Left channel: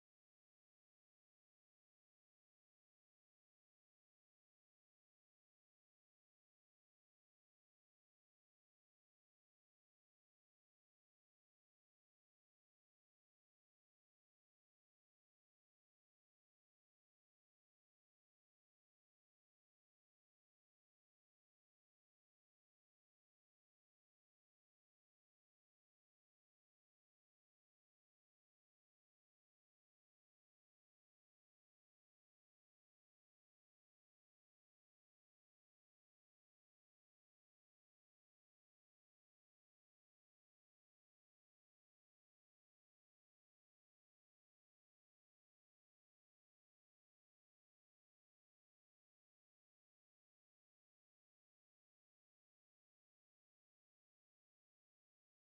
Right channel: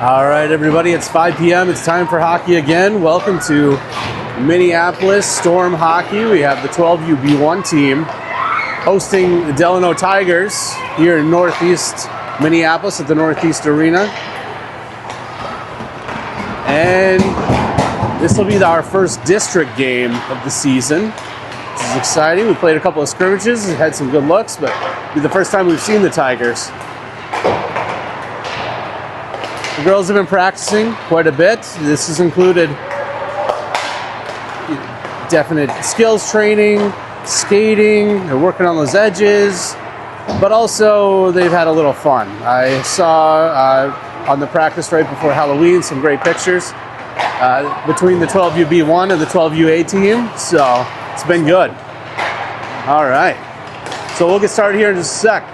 All right, everybody, it's 5 p.m. It's time for hockey again. Welcome to Minneapolis Storm Hockey. We have the 12UB1 team hosting the Delano Tigers here in Northeast Minneapolis at the Northeast Arena. And this will be our first district game of the season. This is exciting. We played a couple of scrimmages, had some good looks, but it'll be the first time we've seen the Tigers. The girls have been practicing quite a bit. This has included definite skills training, skating, they're working on those edges, but also they've had a little fun. I saw on the practice right before Halloween some great pictures between the 12UB1 and the 12UA team, so it's been good. All right, so we'll get started here in just a sec.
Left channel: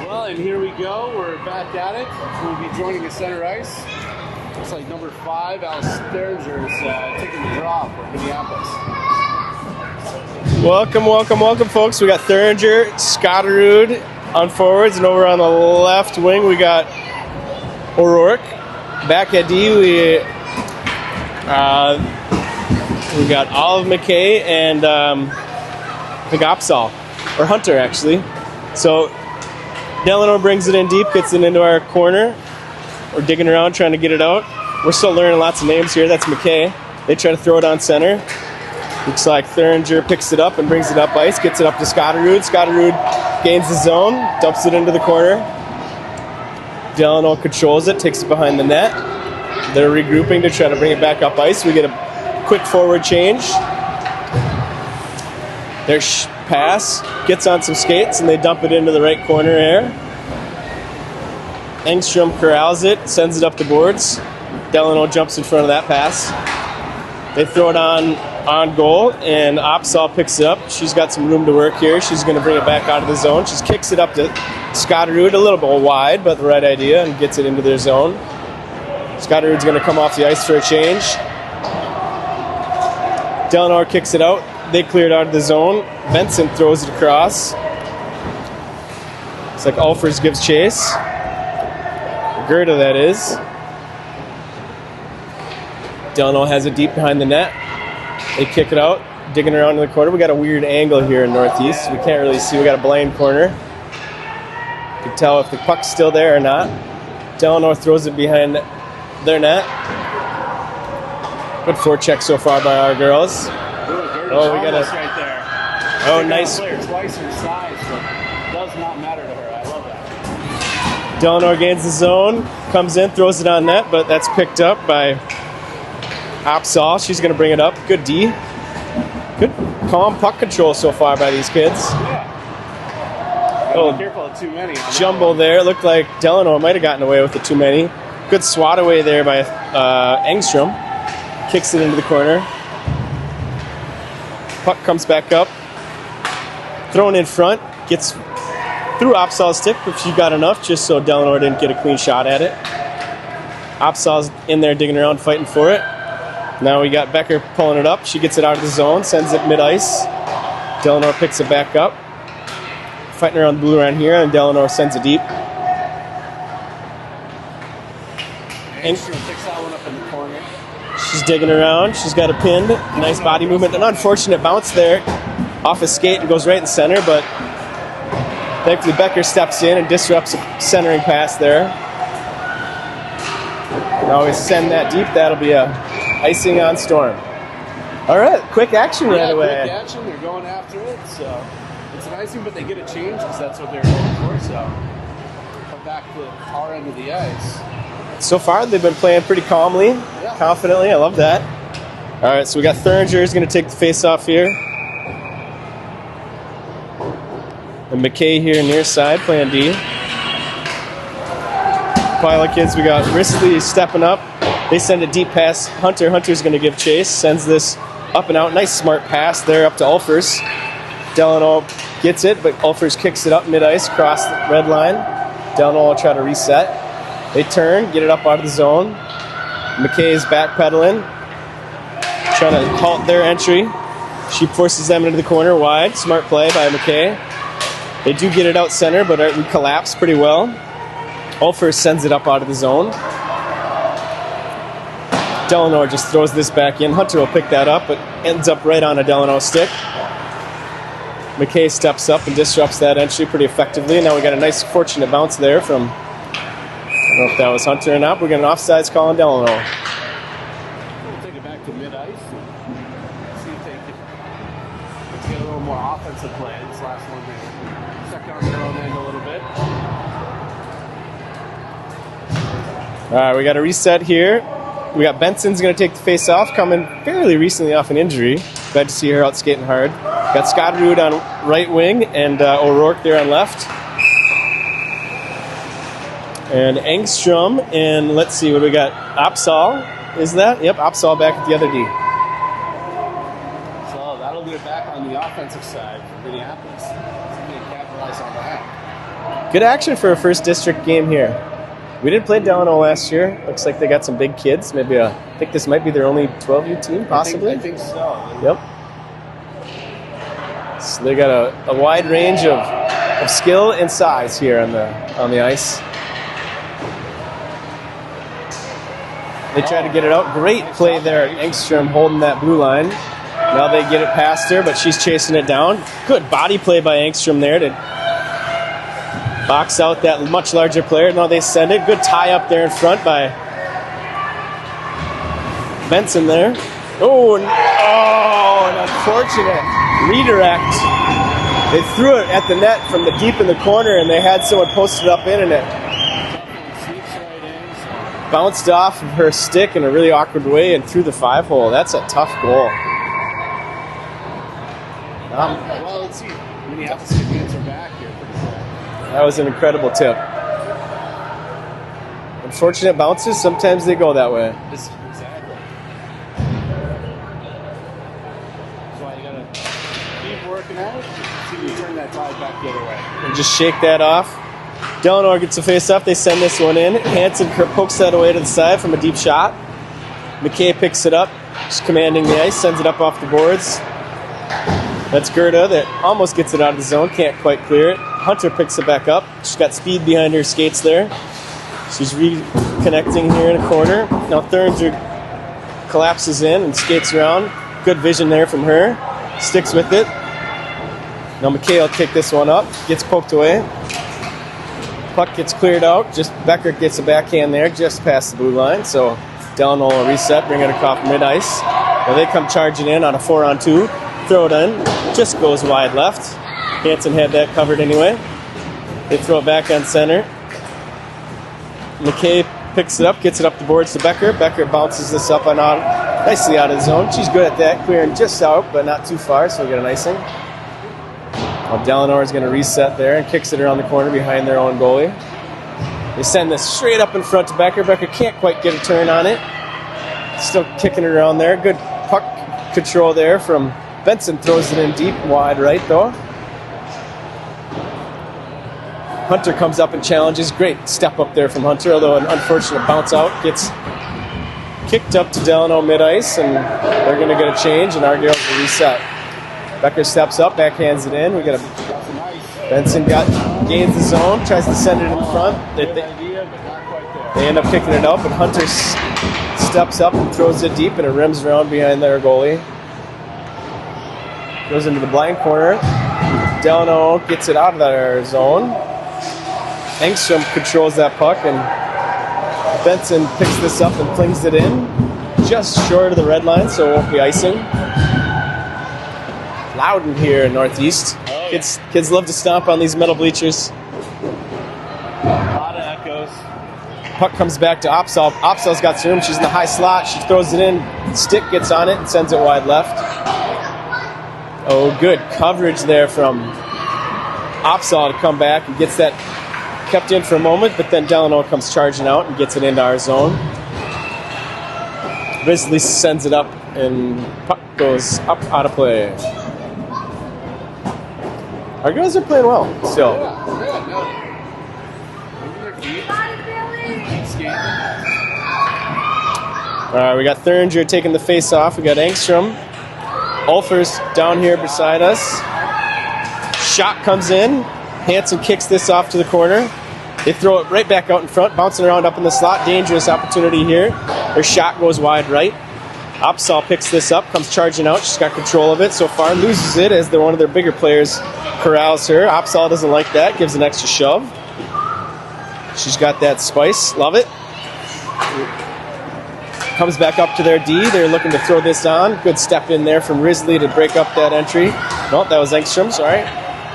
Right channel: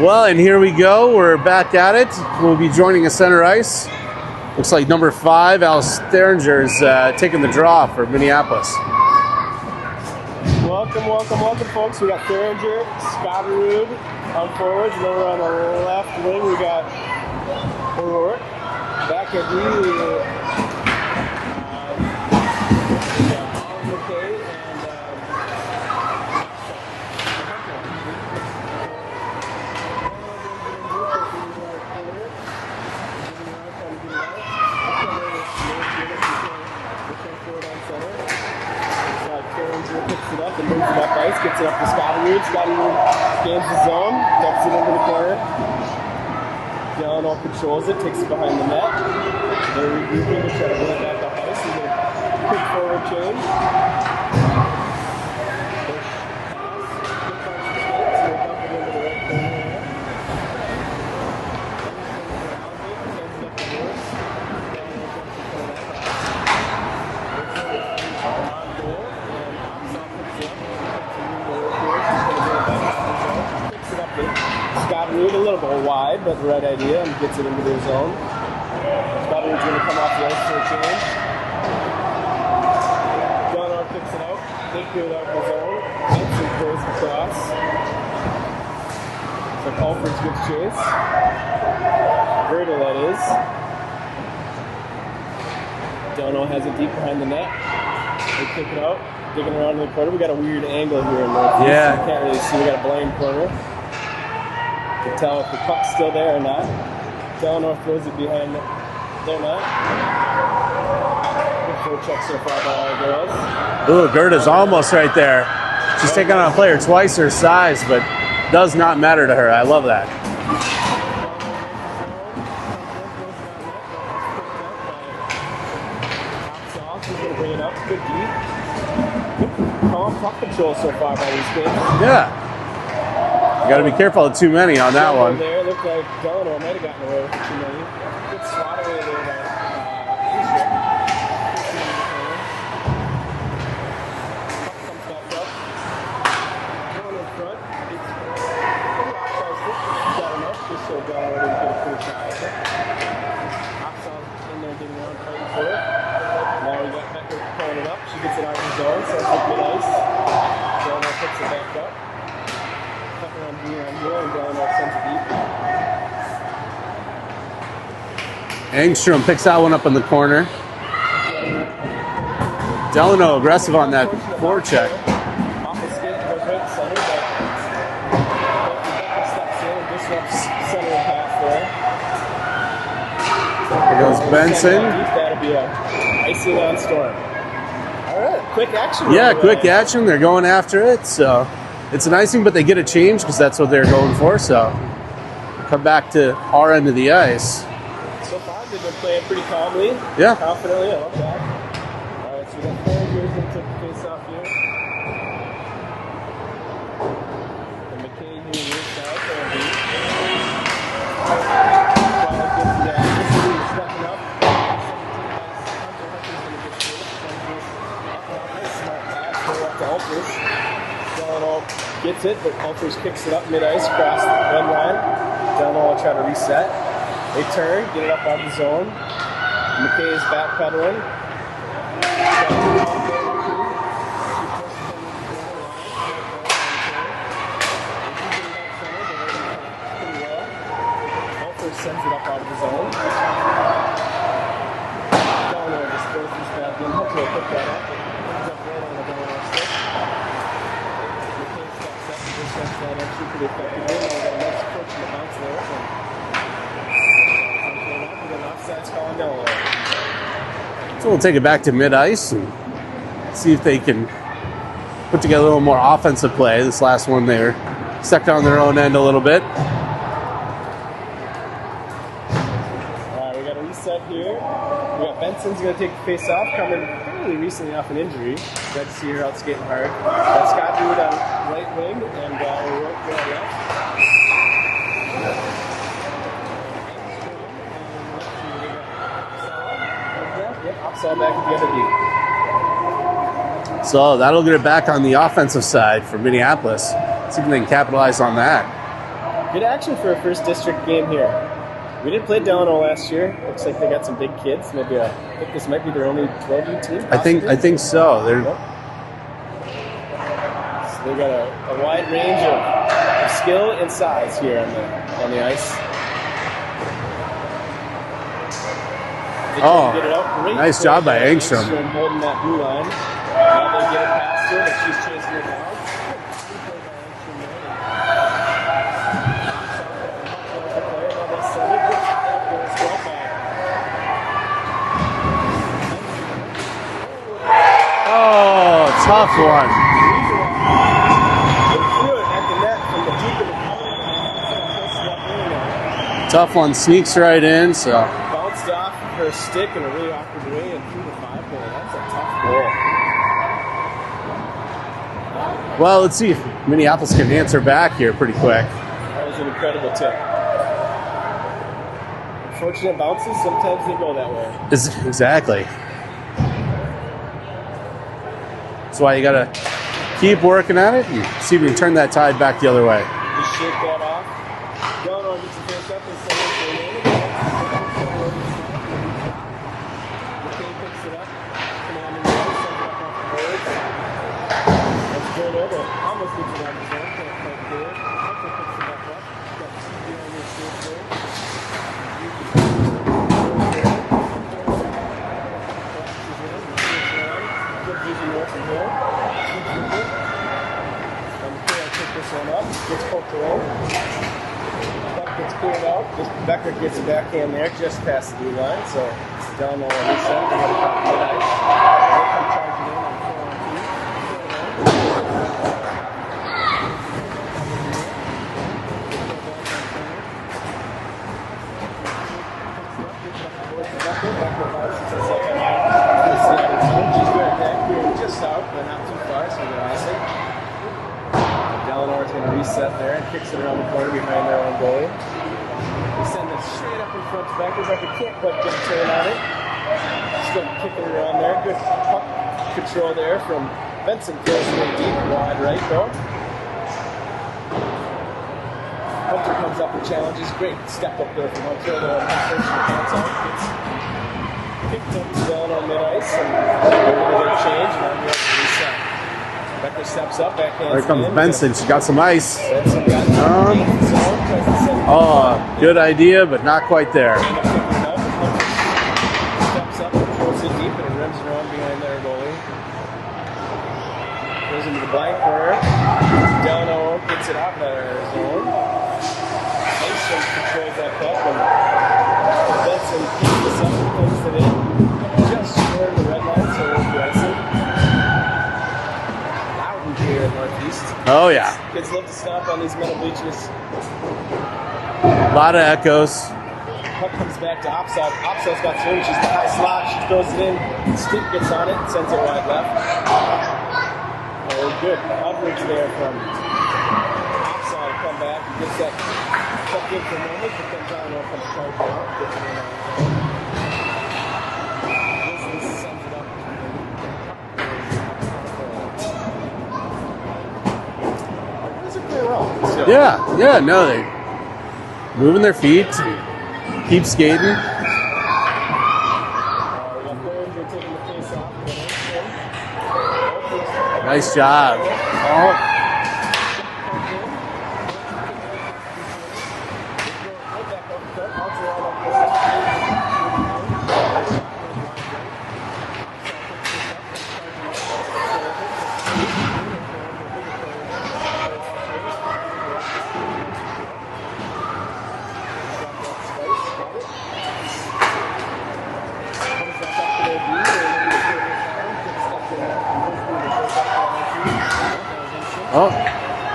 Well, and here we go. We're back at it. We'll be joining us center ice. Looks like number 5, Al Steringer, is taking the draw for Minneapolis. Welcome, folks. We got Thuringer, Scotterud on forwards, and over on the left wing we got O'Rourke. Back at D, we got Olive McKay and McGopsall, or Hunter actually. So Delano brings it in deep, gets it into our corner. We're digging around trying to get it out. We're still learning lots of names here. That's McKay. They try to throw it on center. Looks like Thuringer picks it up and brings it up ice, gets it up to Scotterud. Scotterud gains the zone, dumps it into the corner. Delano controls it, takes it behind the net. They're regrouping to try to bring it back up ice. We get a quick forward change. Their pass gets on some skates and they dump it into the right corner here. Engstrom corrals it, sends it up the boards. Delano jumps in front of that pass. They throw it on goal, and Opsahl picks it up. She's got some room to work here. She's going to bring it back out of the zone. She kicks it up to Scotterud, a little bit wide, but the right idea, and gets it into their zone. Scotterud's going to come off the ice for a change. Delano kicks it out. They clear it out of the zone. Benson throws it across. It's like Alfers gives chase. Gerda, that is. Delano has it deep behind the net. They kick it out, digging around in the corner. We got a weird angle here in Northeast. Yeah. We can't really see. We got a blind corner. You can tell if the puck's still there or not. Delano throws it behind their net. Good forecheck so far by our girls. Ooh, Gerda's almost right there. She's taking on a player twice her size, but does not matter to her. I love that. Delano gains the zone, comes in, throws it on net, but that's picked up by Opsahl. She's going to bring it up. Good D. Good calm puck control so far by these kids. Yeah. You got to be careful of too many on that Jumble one. there. Looked like Delano might have gotten away with the too many. Good swat away there by Engstrom. Kicks it into the corner. Puck comes back up. Thrown in front. Gets through Opsahl's stick, but she got enough just so Delano didn't get a clean shot at it. Opsahl's in there digging around, fighting for it. Now we got Becker pulling it up. She gets it out of the zone, sends it mid-ice. Delano picks it back up. Fighting around the blue line here, and Delano sends it deep. Engstrom picks that one up in the corner. She's digging around. She's got a pin. Delano Nice body aggressive movement. on An that unfortunate bounce forecheck. there. Off his skate and goes right in center, but thankfully Becker steps in and disrupts the centering pass there. Always send that deep. That'll be a icing on Storm. All right, quick action. Yeah, right quick away. action. They're going after it, so it's an icing, but they get a change because that's what they're going for. So come back to our end of the ice. So far, they've been playing pretty calmly, Yeah. confidently. I love that. All right, so we got Thuringer is going to take the face-off here. And McKay here near side, playing D. Pilot kids, we got Risley stepping up. They send a deep pass. Hunter's going to give chase. Sends this up and out. Nice smart pass there up to Ulfers. Delano gets it, but Ulfers kicks it up mid-ice across the red line. Delano will try to reset. They turn, get it up out of the zone. McKay's backpedaling. Try to halt their entry. She forces them into the corner wide. Smart play by McKay. They do get it out center, but we collapse pretty well. Ulfers sends it up out of the zone. Delano just throws this back in. Hunter will pick that up, but ends up right on a Delano stick. McKay steps up and disrupts that entry pretty effectively. Now we got a nice fortunate bounce there from, I don't know if that was Hunter or not. We got an offsides call on Delano. So we'll take it back to mid-ice and see if they can put together a little more offensive play. This last one, they were stuck on their own end a little bit. All right, we got a reset here. We got Benson's going to take the face-off, coming fairly recently off an injury. Glad to see her out skating hard. Got Scotterud on right wing and O'Rourke there on left. And Engstrom, and let's see what we got. Opsahl, is that? Yep, Opsahl back at the other D. So that'll get it back on the offensive side for Minneapolis. See if they can capitalize on that. Good action for a first district game here. We did play Delano last year. Looks like they got some big kids. Maybe I think this might be their only 12U team. Possibly. I think so. Yep. So they got a wide range of skill and size here on the ice. They try to get it out. Great nice play job by there. Engstrom. Holding that blue line. Now they get it past her, but she's chasing it down. Good body play by Engstrom there to Box out that much larger player. Now they send it. Good tie up there in front by Benson there. Oh, tough one. Redirect. They threw it at the net from the deep in the corner, and they had someone posted up in, and it Tough one, sneaks right in, so. bounced off of her stick in a really awkward way and through the 5-hole. That's a tough goal. Well, let's see if Minneapolis can answer back here pretty quick. That was an incredible tip. Unfortunate bounces, sometimes they go that way. Exactly. That's why you gotta keep working at it and see if you can turn that tide back the other way. And just shake that off. Delano gets a face-off. They send this one in. Hansen pokes that away to the side from a deep shot. McKay picks it up. She's commanding the ice. Sends it up off the boards. That's Gerda that almost gets it out of the zone. Can't quite clear it. Hunter picks it back up. She's got speed behind her skates there. She's reconnecting here in the corner. Now Thurnger collapses in and skates around. Good vision there from her. Sticks with it. Now McKay will take this one up. Gets poked away. Puck gets cleared out. Just Becker gets a backhand there just past the blue line. So Delano will reset, bringing it off mid-ice. Now they come charging in on a 4-on-2. Throw it in. Just goes wide left. Hansen had that covered anyway. They throw it back on center. McKay picks it up, gets it up the boards to Becker. Becker bounces this up and out, nicely out of zone. She's good at that, clearing just out, but not too far, so we get a nice one. Well, Delano is going to reset there and kicks it around the corner behind their own goalie. They send this straight up in front to Becker. Becker can't quite get a turn on it. Still kicking it around there. Good puck control there from Benson. Throws it in deep, wide right though. Hunter comes up and challenges. Great step up there from Hunter, although an unfortunate bounce out. Gets kicked up to Delano mid-ice, and they're going to get a change, and Argyle will reset. Becker steps up, backhands it in. Benson, she got some ice. Benson gains the zone, tries to send it in front. Good idea, but not quite there. They end up picking it up, and Hunter steps up and throws it deep, and it rims around behind their goalie. Goes into the blind corner. Delano gets it out of their zone. Engstrom controls that puck, and Benson picks this up and flings it in just short of the red line, so it won't be icing. Loudon here in Northeast. Oh, yeah. Kids love to stomp on these metal bleachers. A lot of echoes. Puck comes back to Opsahl. Opsahl's got room. She's in the high slot. She throws it in. Stick gets on it and sends it wide left. Oh, good coverage there from Opsahl to come back and gets that kept in for a moment, but then Delano comes charging out and gets it into our zone. Risley sends it up, and puck goes up out of play. Our guys are playing well still. Yeah, no, they moving their feet, keep skating. All right, we got Thuringer taking the face off. We got Engstrom. Ulfers down Nice here shot. beside us. Shot comes in. Hansen kicks this off to the corner. They throw it right back out in front, bouncing around up in the slot. Dangerous opportunity here. Their shot goes wide right. Opsahl picks this up, comes charging out. She's got control of it so far. Loses it as one of their bigger players corrals her. Opsahl doesn't like that, gives an extra shove. She's got that spice. Love it. Comes back up to their D. They're looking to throw this on. Good step in there from Risley to break up that entry. No, that was Engstrom, sorry.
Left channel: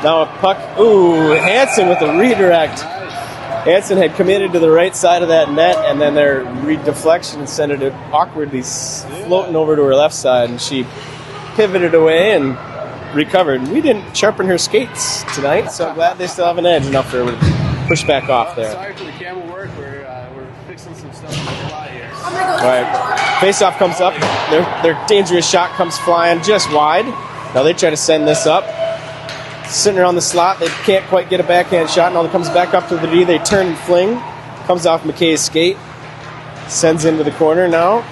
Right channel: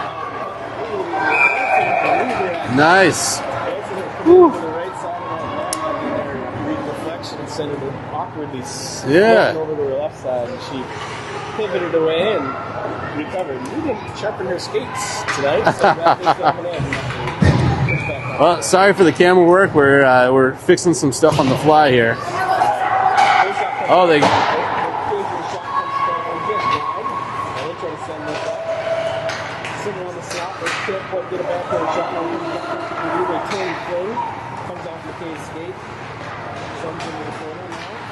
Now a puck. Ooh, Hansen with a redirect. Nice. Hansen had committed to the right side of that net, and then their deflection sent it awkwardly floating over to her left side, and she pivoted away and recovered. We didn't sharpen her skates tonight, so I'm glad they still have an edge enough for her to push back off. Well, there. sorry for the camera work. We're fixing some stuff on the fly here. All right. Face-off comes up. Their dangerous shot comes flying just wide. Now they try to send this up. Sitting around the slot, they can't quite get a backhand shot. Now it comes back up to the D. They turn and fling. Comes off McKay's skate. Sends into the corner now.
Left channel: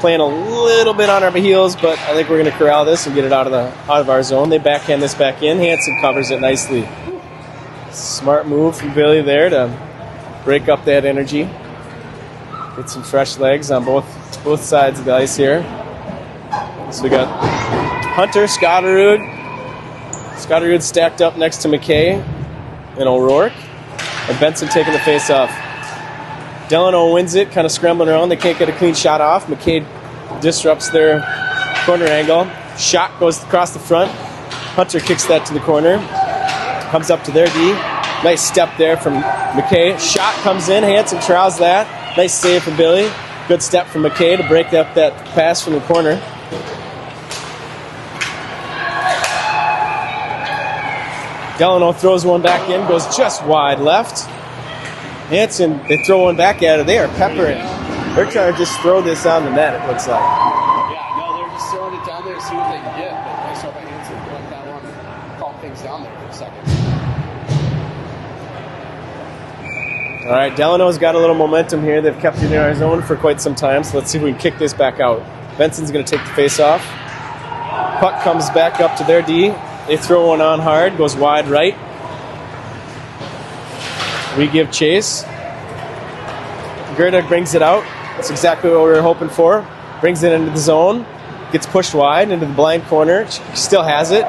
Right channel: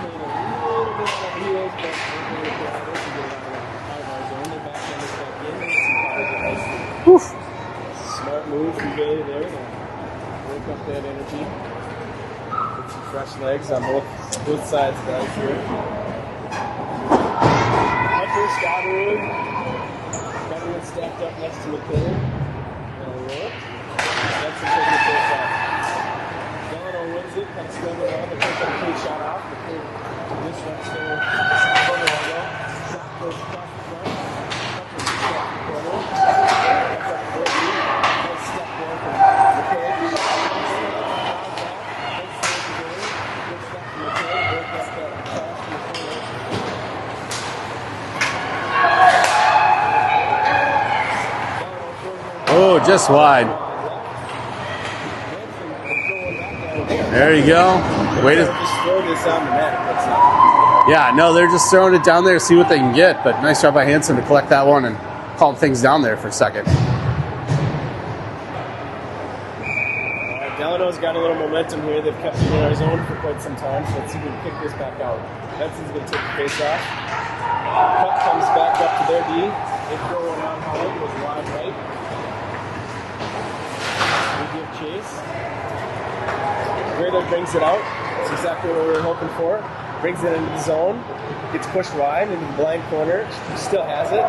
Playing a little bit on our heels, but I think we're going to corral this and get it out of our zone. They backhand this back in. Hansen covers it nicely. Whew. Smart move from Billy there to break up that energy. Get some fresh legs on both sides of the ice here. So we got Hunter, Scotterud. Scotterud stacked up next to McKay and O'Rourke. And Benson taking the face off. Delano wins it, kind of scrambling around. They can't get a clean shot off. McKay disrupts their corner angle. Shot goes across the front. Hunter kicks that to the corner. Comes up to their D. Nice step there from McKay. Shot comes in. Hanson trials that. Nice save from Billy. Good step from McKay to break that pass from the corner. Delano throws one back in, just wide left. Hanson, they throw one back at it. They are There you go. They're trying to just throw this on the net, it looks like. Yeah, no, they're just throwing it down there to see what they can get. But nice job by Hanson to collect that one and calm things down there for a second. All right, Delano's got a little momentum here. They've kept it in our zone for quite some time, so let's see if we can kick this back out. Benson's going to take the face off. Puck comes back up to their D. They throw one on hard, goes wide right. We give chase. Gerda brings it out. That's exactly what we were hoping for. Brings it into the zone. Gets pushed wide into the blind corner. She still has it.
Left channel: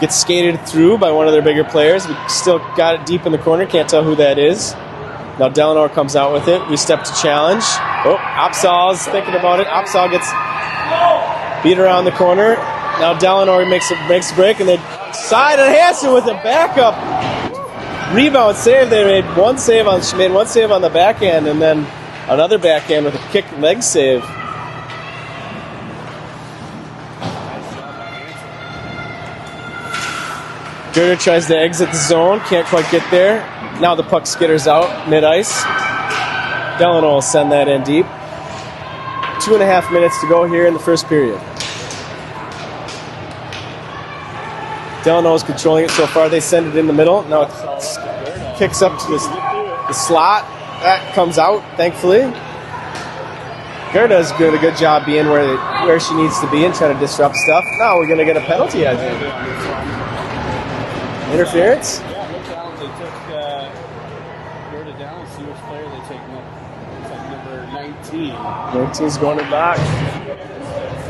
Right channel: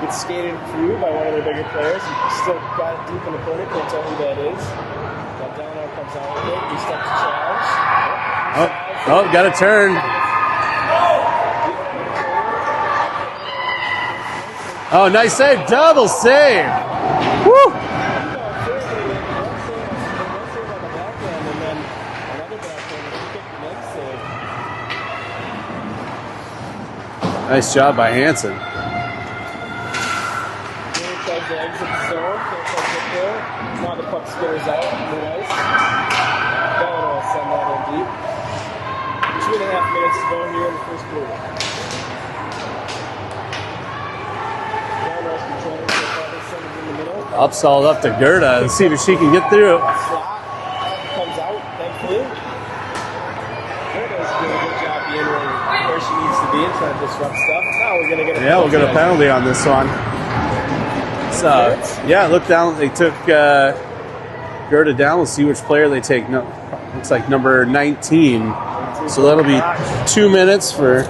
Gets skated through by one of their bigger players. We still got it deep in the corner. Can't tell who that is. Now Delano comes out with it. We step to challenge. Opsal's got a turn. Opsal gets beat around the corner. Now Delano makes a break and then nice save, double with save. The backup. Woo! Rebound save. They made one save on the backhand and then another backhand with a kick leg save. Nice job by Hanson. Gerda tries to exit the zone, can't quite get there. Now the puck skitters out mid-ice. Delano will send that in deep. 2.5 minutes to go here in the first period. Delano's controlling it so far. They send it in the middle. Now Upsall up to Gerda. Kicks See up if she can get through. the slot. That comes out, thankfully. Gerda's doing a good job being where she needs to be and trying to disrupt stuff. Now we're going to get a penalty. We'll get a penalty on this one. Interference? Look down. They took Gerda down. Let's see which player they take. No, looks like number 19. So that'll be 2 minutes for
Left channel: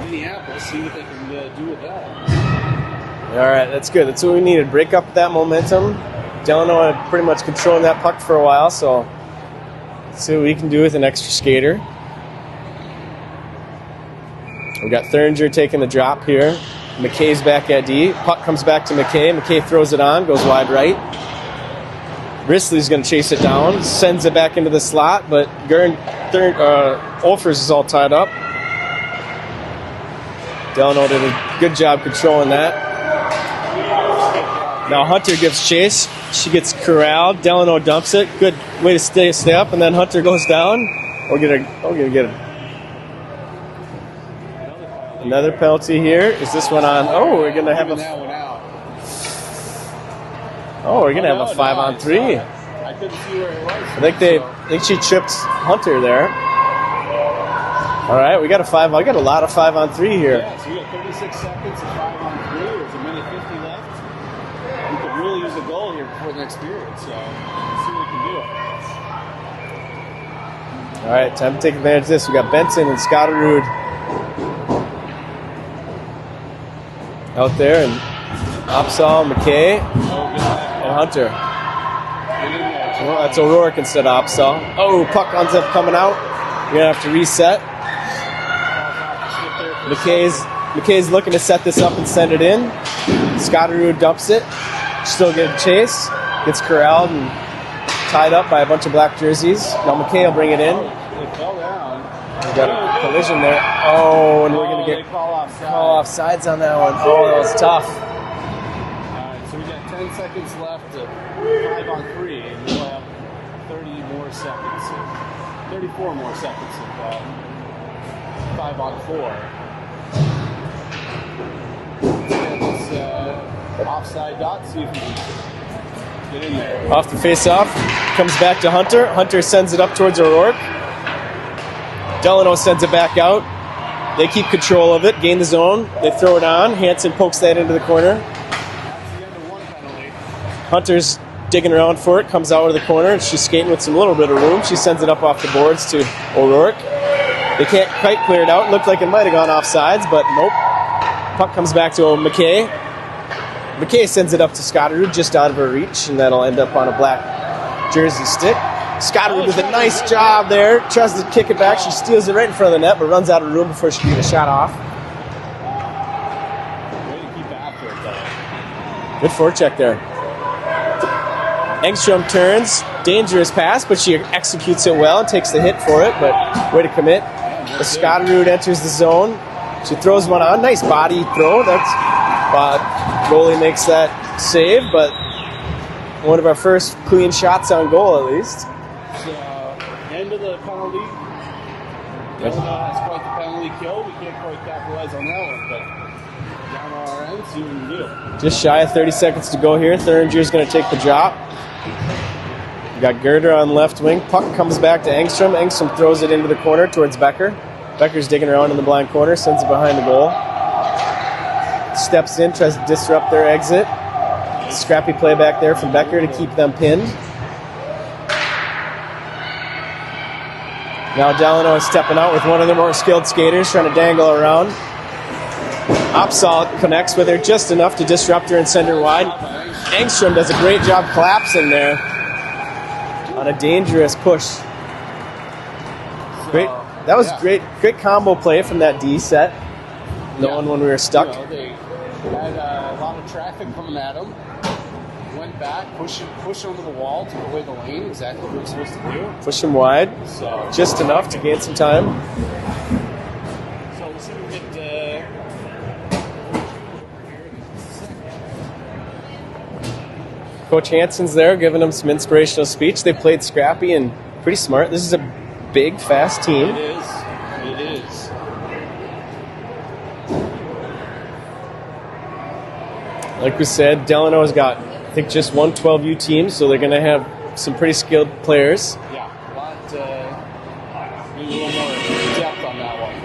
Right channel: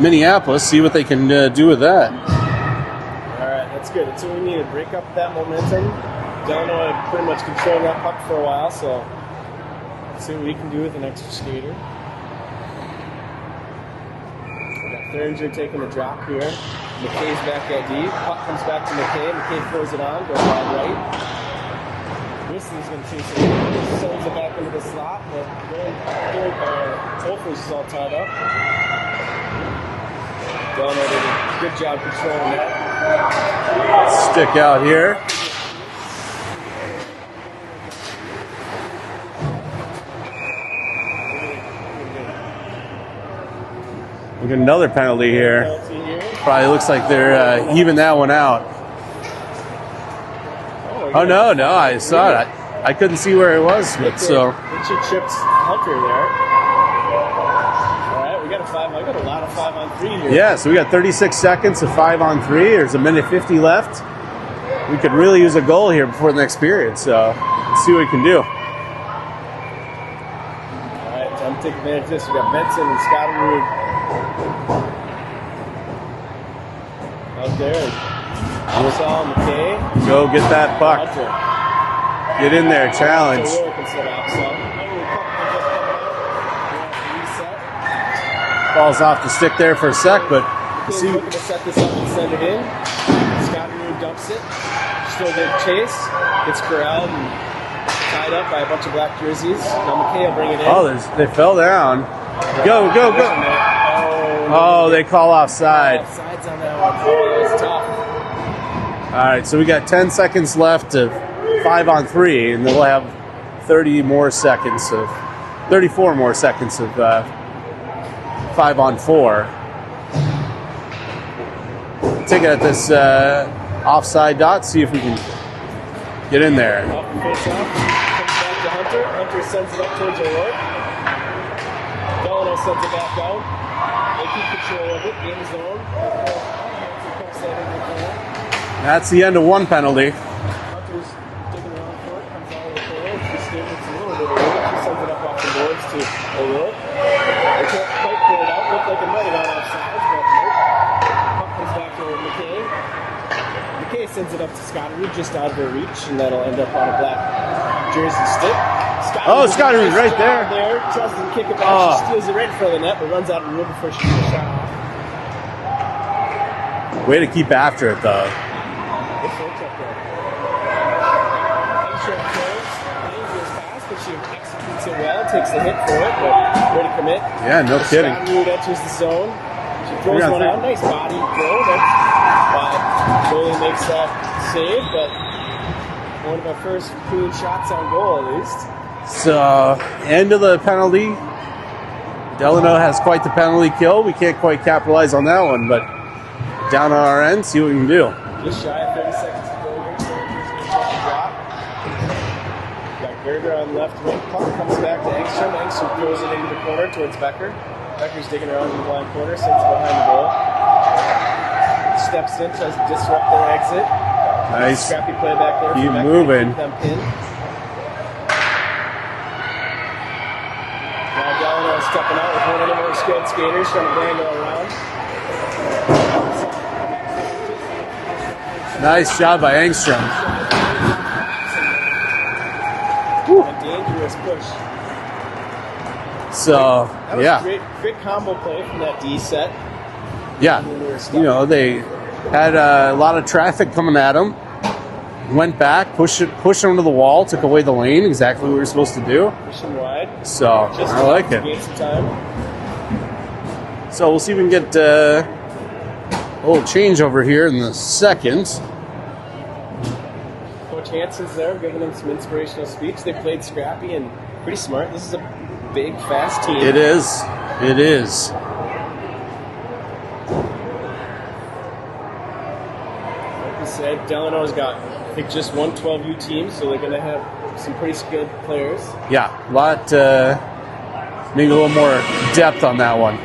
Minneapolis. See what they can do with that. All right, that's good. That's what we needed. Break up that momentum. Delano had pretty much controlling that puck for a while, so let's see what we can do with an extra skater. We got Thuringer taking the drop here. McKay's back at D. Puck comes back to McKay. McKay throws it on, goes wide right. Risley's going to chase it down, sends it back into the slot, but Olfers is all tied up. Delano did a good job controlling that. Stick out here. Now Hunter gives chase. She gets corralled. Delano dumps it. Good way to stay up, and then Hunter goes down. We're gonna get another penalty another here. penalty here. Is Probably this looks one like on? they're even that one out. We're gonna have a 5-on-3. I saw it. I couldn't see where it was. I think she tripped Hunter there. All right, we got a 5. I got a lot of 5-on-3 here. Yeah, so we got 36 seconds of 5-on-3. There's a minute 50 left. We could really use a goal here before the next period. So let's see what we can do. All right, time to take advantage of this. We got Benson and Scotterud out there, and Opsal, McKay. Go get that puck. Hunter. Get in there, challenge. It's O'Rourke instead of Opsal. Puck ends up coming out. We're going to have to reset. Falls off the stick there for a sec, but McKay's looking to set this up and send it in. Scotterud dumps it. Still getting chase. Gets corralled and tied up by a bunch of black jerseys. Now McKay will bring it in. They fell down. Go. They call offside. Offsides on that one. That was tough. All right, so we got 10 seconds left of 5-on-3, and then we'll have 34 more seconds of 5-on-4. Take it at this offside dot, see if we can get in there. Off the face-off, comes back to Hunter. Hunter sends it up towards O'Rourke. Delano sends it back out. They keep control of it, gain the zone. They throw it on. Hanson pokes that into the corner. That's the end of one penalty. Hunter's digging around for it, comes out of the corner. She's skating with some little bit of room. She sends it up off the boards to O'Rourke. They can't quite clear it out. Looked like it might have gone offsides, but nope. Puck comes back to McKay. McKay sends it up to Scotterud just out of her reach, and that'll end up on a black jersey stick. Scotterud with a nice right job there. Tries to kick it back. Oh. She steals it right in front of the net, but runs out of room before she can get a shot off. Way to keep after it, though. Good forecheck there. Engstrom turns. Dangerous pass, but she executes it well and takes the hit for it, but way to commit. Yeah, no kidding. Scotterud enters the zone. She throws one on. Nice body throw. Goalie makes that save, but one of our first clean shots on goal, at least. So, end of the penalty. Delano has quite the penalty kill. We can't quite capitalize on that one, but down on our end, see what we can do. Just shy of 30 seconds to go here. Thuringer going to take the drop. We got Gerder on left wing. Puck comes back to Engstrom. Engstrom throws it into the corner towards Becker. Becker's digging around in the blind corner, sends it behind the goal. Steps in, tries to disrupt their exit. Nice. Scrappy play back there from Becker to keep them pinned. Now Delano is stepping out with one of the more skilled skaters, trying to dangle around. Opsal connects with her just enough to disrupt her and send her wide. Nice job by Engstrom. Engstrom does a great job collapsing there. On a dangerous push. So that was a great combo play from that D set. When we were stuck. You know, they had a lot of traffic coming at them. Went back, pushed them to the wall, took away the lane, exactly what we were supposed to do. Push them wide. So just enough to gain some time. So we'll see if we can get a little change over here in the second. Coach Hansen's there giving them some inspirational speech. They played scrappy and pretty smart. This is a big, fast team. It is. It is. Like we said, Delano's got, I think, just one 12U team, so they're going to have some pretty skilled players. Yeah, a lot, need a little more depth on that one.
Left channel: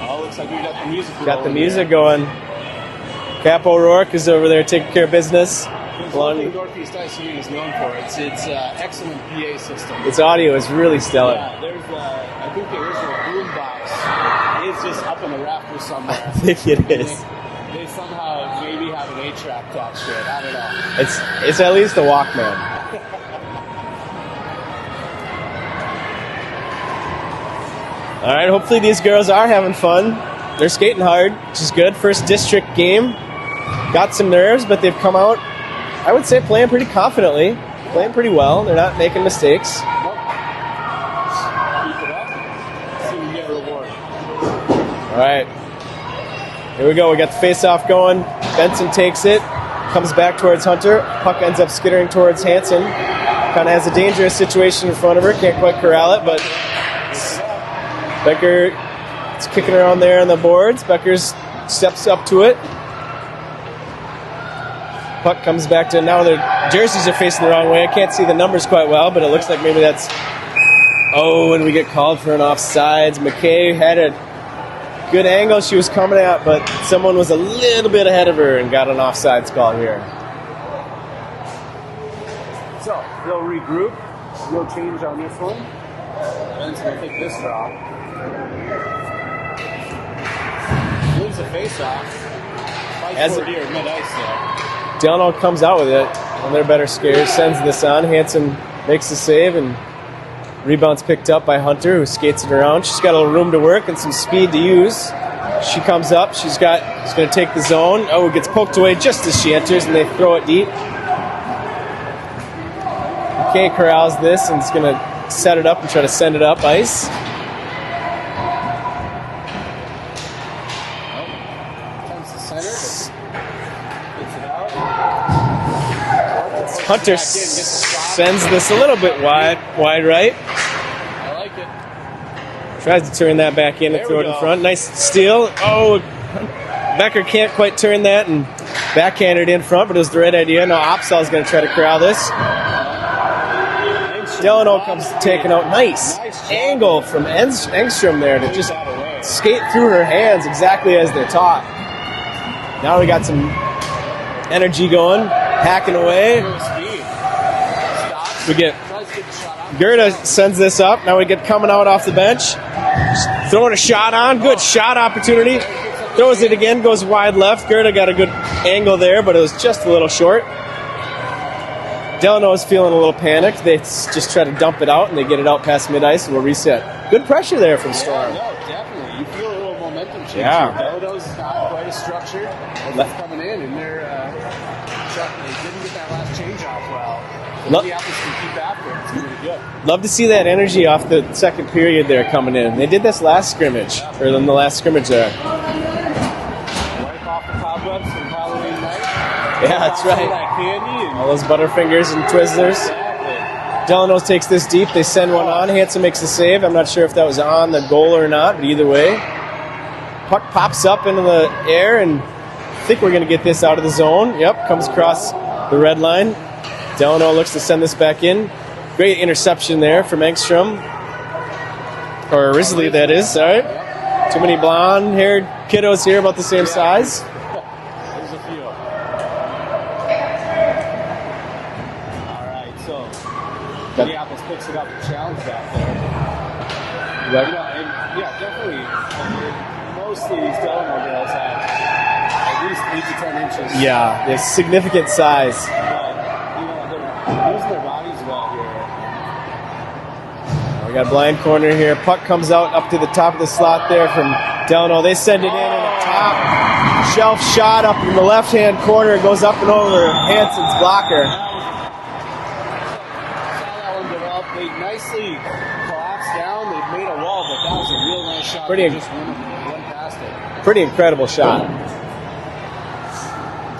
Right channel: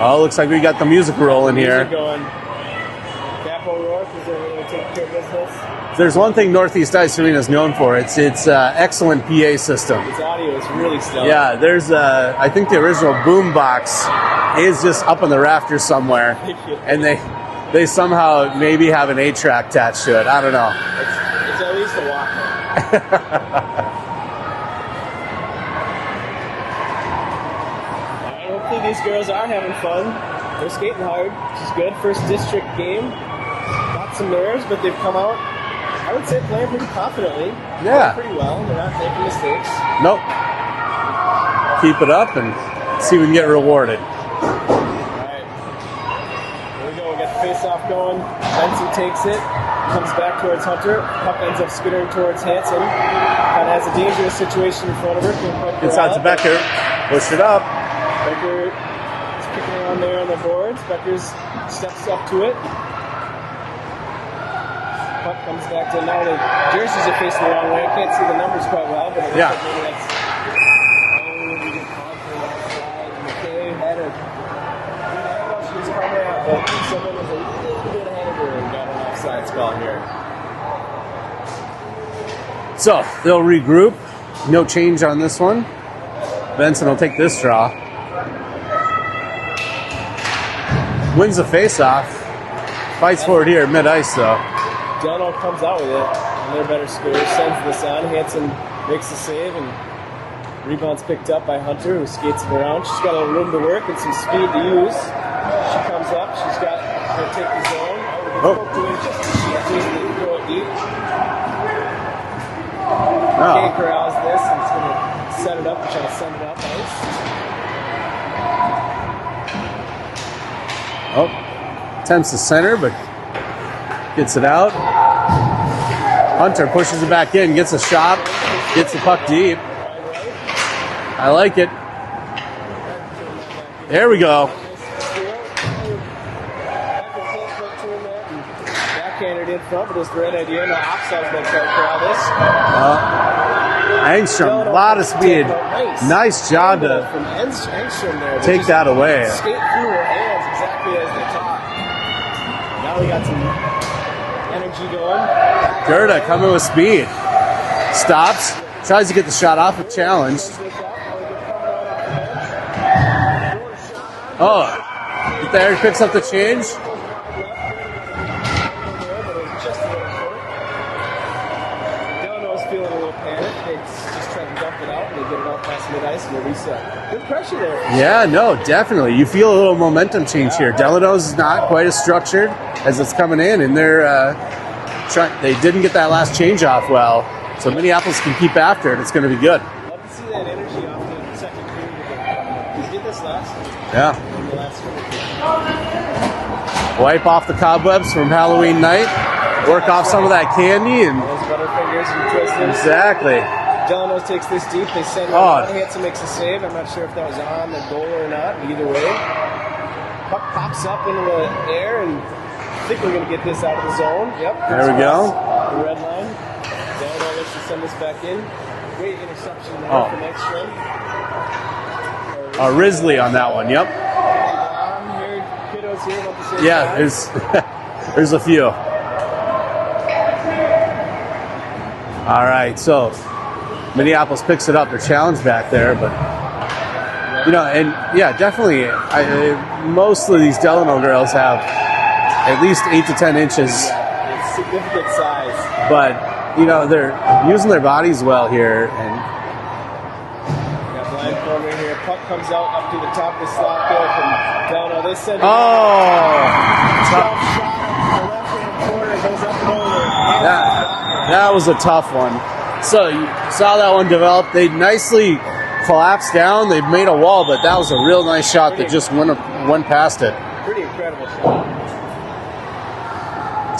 Oh, looks like we got the music rolling here. Music going. Cap O'Rourke is over there taking care of business. There's one thing Northeast Ice Arena is known for. It's excellent PA system. Its audio is really stellar. Yeah, there's I think the original boom box is just up in the rafters somewhere. And they somehow maybe have an 8-track attached to it. I don't know. It's at least a Walkman. All right, hopefully these girls are having fun. They're skating hard, which is good. First district game. Got some nerves, but they've come out, I would say, playing pretty confidently. Yeah. Playing pretty well. They're not making mistakes. Nope. Keep it up and see if we can get rewarded. All right. Here we go. We got the face-off going. Benson takes it. Comes back towards Hunter. Puck ends up skittering towards Hansen. Kind of has a dangerous situation in front of her. Can't quite corral it. Becker. Push it up. Becker is kicking around there on the boards. Becker's steps up to it. Puck comes back to, now their jerseys are facing the wrong way. I can't see the numbers quite well, but it looks like maybe that's... Oh, and we get called for an offsides. McKay had a good angle she was coming at, but someone was a little bit ahead of her and got an offsides call here. So, they'll regroup. No change on this one. Benson will take this draw. Wins the face-off. Fights for it here at mid-ice, though. Delano comes out with it, and they're better scared. Sends this on. Hansen makes the save, and rebound's picked up by Hunter, who skates it around. She's got a little room to work and some speed to use. She comes up. She's going to take the zone. Oh, it gets poked away just as she enters, and they throw it deep. Kay corrals this, and is going to set it up and try to send it up ice. Oh, attempts to center, but gets it out. Hunter pushes it back in, gets a shot. Sends this a little bit wide right. I like it. Tries to turn that back in. There we go. Front. Nice steal. Oh, Becker can't quite turn that and backhanded in front, but it was the right idea. Now Opsal's going to try to corral this. Engstrom, a lot of speed. Nice job angle from Engstrom there. Take that away. Skate through her hands exactly as they taught. Now we got some energy going. Hacking away. Coming with speed. Stops. Tries to get the shot off. Gerda sends this up. Now we get coming out off the bench. Throwing a shot on. Good shot opportunity. Barry picks up the Throws it change. again. Goes wide left. Gerda got a good angle there, but it was just a little short. Delano is feeling a little panicked. They just try to dump it out, and they get it out past mid-ice, and we'll reset. Good pressure there from Yeah, no, definitely. You feel a little momentum change here. Delano's not quite as structured as it's coming in, and they didn't get that last change off well. So Minneapolis can keep after it. It's going to be good. Love to see that energy off the second period there coming in. They did this last scrimmage, or in the last scrimmage there. Wipe off the cobwebs from Halloween night. Work off some of that candy and those Butterfingers and Twizzlers. Exactly. Delano takes this deep. They send one on. Hanson makes the save. I'm not sure if that was on the goal or not, but either way. Puck pops up into the air, and I think we're going to get this out of the zone. Yep, comes across the red line. Delano looks to send this back in. Great interception there from Engstrom. Or Risley, that is. On that one. Yep. Too many blonde-haired kiddos here about the same size. There's a few. All right, so Minneapolis picks it up. They're challenged back there, but definitely. Most of these Delano girls have at least 8 to 10 inches. Yeah, they're significant size, but they're using their bodies well here. And we got a blind corner here. Puck comes out up to the top of the slot there from Delano. They send it in. Shelf shot up in the left-hand corner. It goes up and over Hanson's blocker. That was a tough one. So you saw that one develop. They nicely collapsed down. They made a wall, but that was a real nice shot that just went past it. Pretty incredible shot.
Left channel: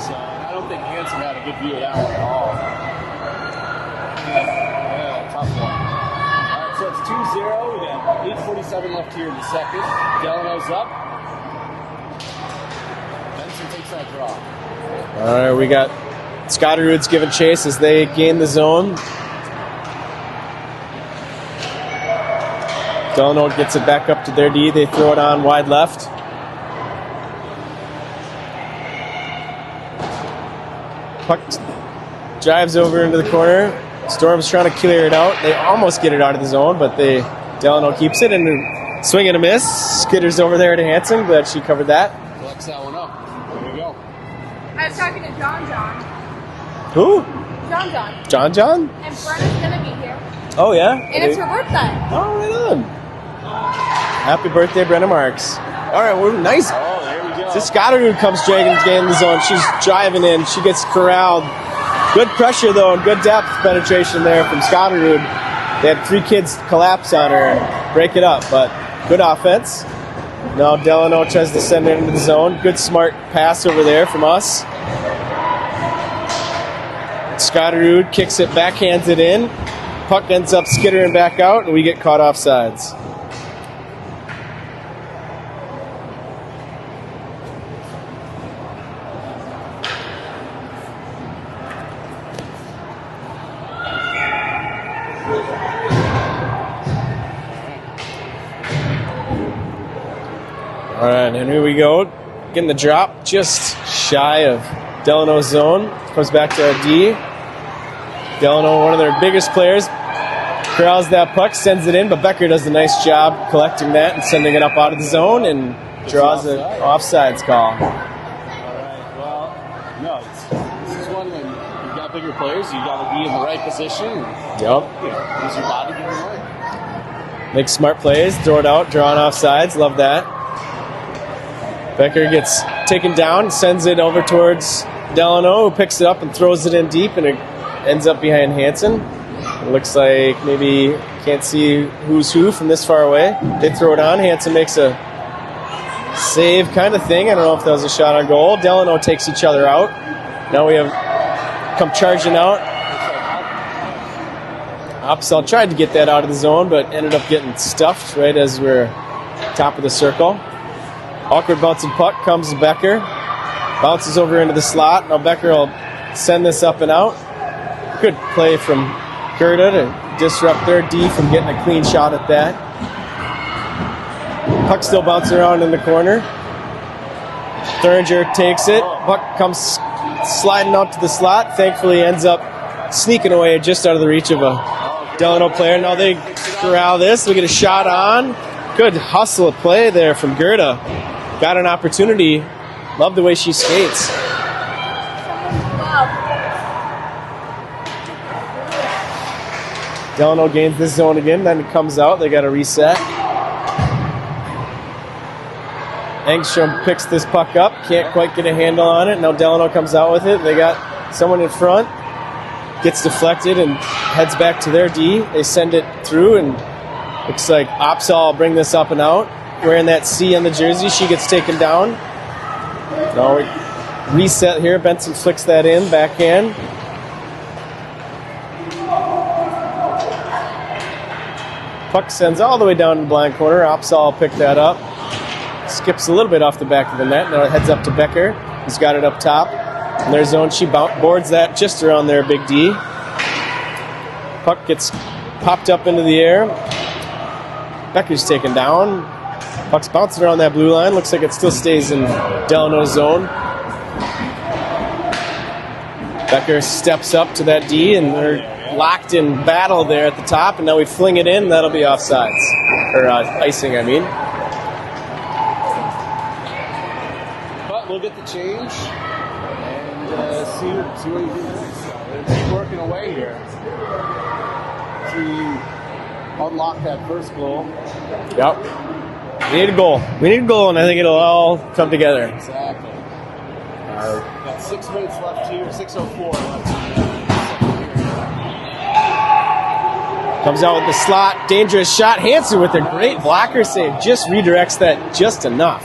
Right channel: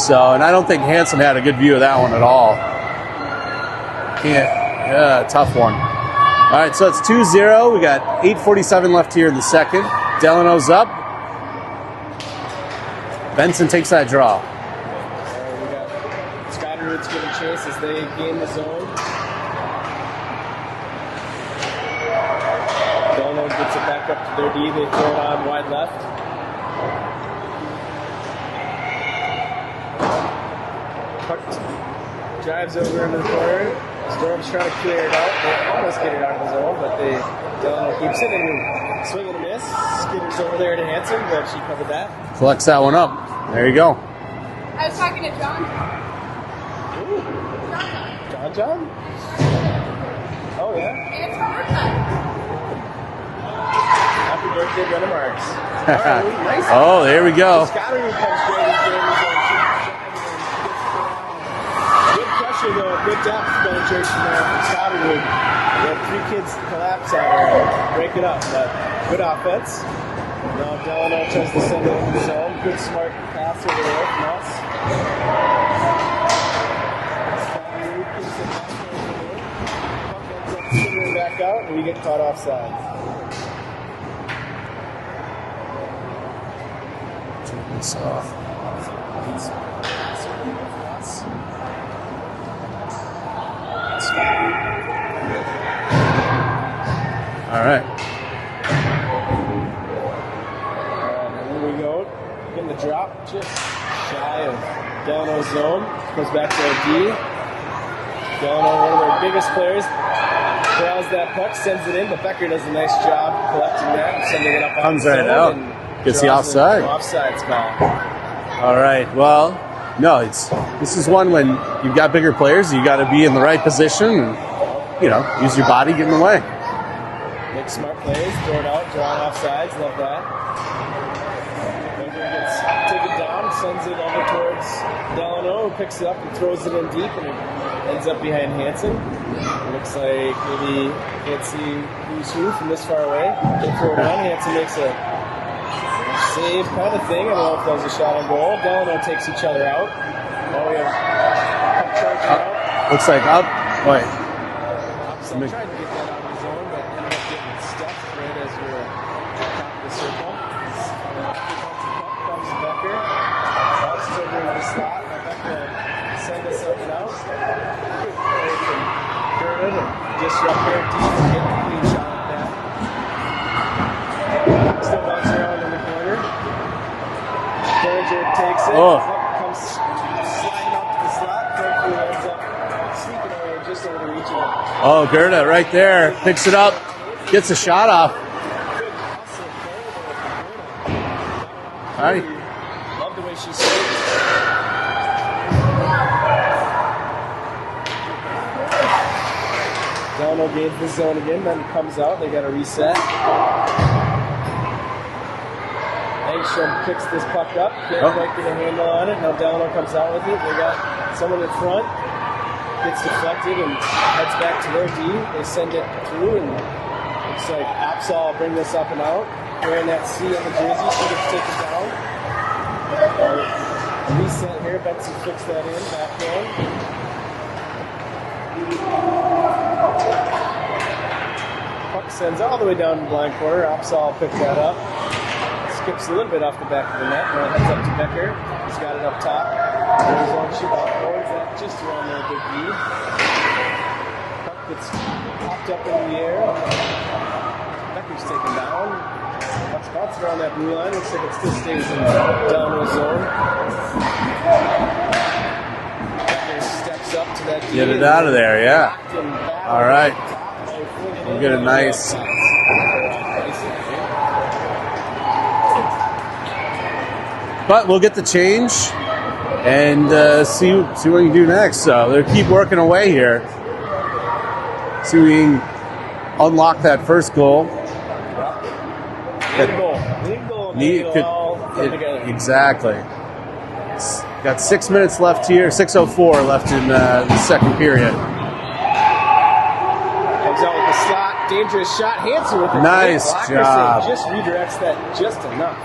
So, and I don't think Hanson had a good view of that one at all. Tough one. All right, so it's 2-0. We got 8:47 left here in the second. Delano's up. Benson takes that draw. All right, we got Scotterud's giving chase as they gain the zone. Delano gets it back up to their D. They throw it on wide left. Puck drives over into the corner. Storm's trying to clear it out. They almost get it out of the zone, but Delano keeps it and swing and a miss. Skitters over there to Hanson. Glad she covered that. Collects that one up. There you go. I was talking to John. Who? John. John? And Brenna's gonna be here. Oh, yeah? And it's her birthday. Oh, right on. Happy birthday, Brenna Marks. All right, we're nice. Oh, there we go. So Scotterud comes getting the zone. She's driving in. She gets corralled. Good pressure, though, and good depth penetration there from Scotterud. They had 3 kids collapse on her and break it up, but good offense. Now Delano tries to send it into the zone. Good, smart pass over there from us. Scotterud kicks it, backhands it in. Puck ends up skittering back out, and we get caught off sides. All right, and here we go. Getting the drop just shy of Delano's zone. Comes back to our D. Delano, one of their biggest players, corrals that puck, sends it in, but Becker does a nice job collecting that and sending it up on the zone and gets the offside. Offside's call. All right, well, no, this is one when you've got bigger players, you got to be in the right position and, use your body, get in the way. Make smart plays, throw it out, drawing off sides. Love that. Becker gets taken down, sends it over towards Delano, who picks it up and throws it in deep, and it ends up behind Hanson. It looks like maybe can't see who's who from this far away. They throw it on. Hanson makes a save kind of thing. I don't know if that was a shot on goal. Delano takes each other out. Now we have come charging out. Looks like up. Wait. Upsell tried to get that out of the zone, but ended up getting stuffed right as we're top of the circle. Awkward bouncing puck comes to Becker. Bounces over into the slot. Now Becker will send this up and out. Good play from Gerda to disrupt their D from getting a clean shot at that. Puck still bouncing around in the corner. Thuringer takes it. Puck comes sliding out to the slot. Thankfully ends up sneaking away just out of the reach of a Gerda Delano right player. Now there. they Picks it up. corral this. We get a Gets shot off. on. Good hustle play there from Gerda. Got an opportunity. Love the way she skates. Delano gains this zone again, then comes out. They got to reset. Engstrom picks this puck up. Can't quite get a handle on it. Now Delano comes out with it. They got someone in front. Gets deflected and heads back to their D. They send it through, and looks like Opsahl will bring this up and out. Wearing that C on the jersey. She gets taken down. Now reset here. Benson flicks that in. Backhand. Puck sends all the way down to the blind corner. Opsahl will pick that up. Skips a little bit off the back of the net. Now it heads up to Becker. He's got it up top. In their zone, she boards that just around their big D. Puck gets popped up into the air. Becker's taken down. Puck's bouncing around that blue line. Looks like it still stays in Delano's zone. Becker steps up to that D and out of there, yeah. locked in battle there at the top, and now we fling it in, and that'll be nice. offsides. Or icing, I mean. But we'll get the change and see what we can do next. So they keep working away here. See if we can unlock that first goal. Yep. We need a goal. We need a goal, and I think it'll all come together. Exactly. Got 6 minutes left here, 6:04 left in the second period. Comes out with the slot, dangerous shot. Hansen with a great Nice blocker job. save. Just redirects that just enough.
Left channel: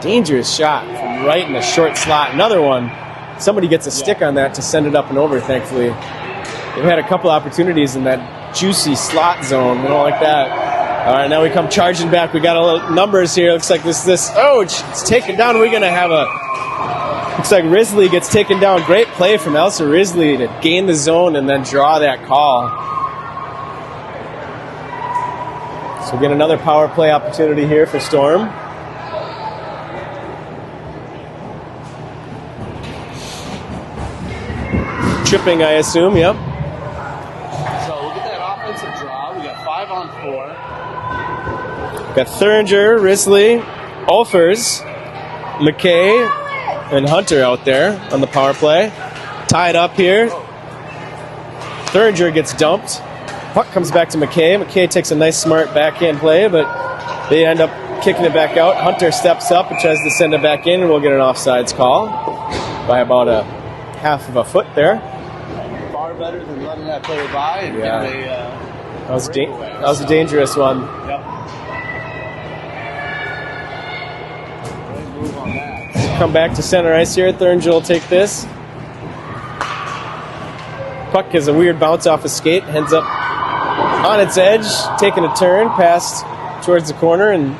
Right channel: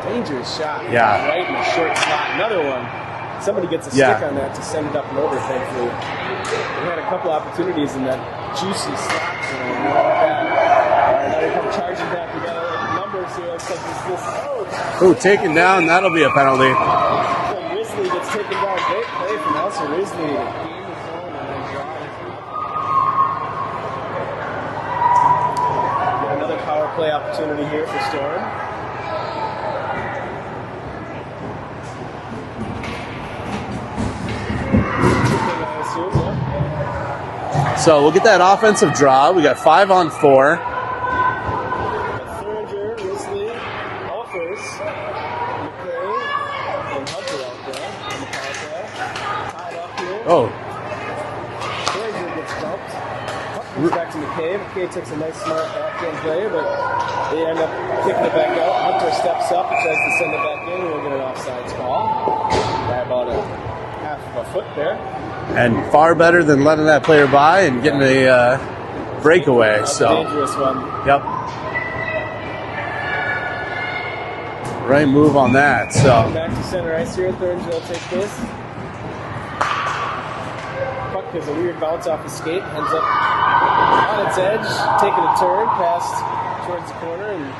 Dangerous shot. Yeah. Right in the short slot. Another one. Somebody gets a stick on that to send it up and over, thankfully. They've had a couple opportunities in that juicy slot zone. I don't like that. All right, now we come charging back. We got a little numbers here. Looks like it's taken down. We're going to have that'll be a penalty. Looks like Risley gets taken down. Great play from Elsa Risley to gain the zone and then draw that call. So we get another power play opportunity here for Storm. Tripping, I assume. Yep. So we'll get that offensive draw. We got 5-on-4. Got Thuringer, Risley, Olfers, McKay, and Hunter out there on the power play. Tied up here. Oh, Thuringer gets dumped. Puck comes back to McKay. McKay takes a nice, smart backhand play, but they end up kicking it back out. Hunter steps up and tries to send it back in, and we'll get an offsides call by about a half of a foot there. and far better than letting that player by and getting a breakaway. That was a dangerous one. Yep. Right move on that. So Come back to center ice here. Thuringer will take this. Puck has a weird bounce off his skate, ends up on its edge, taking a turn past towards the corner, and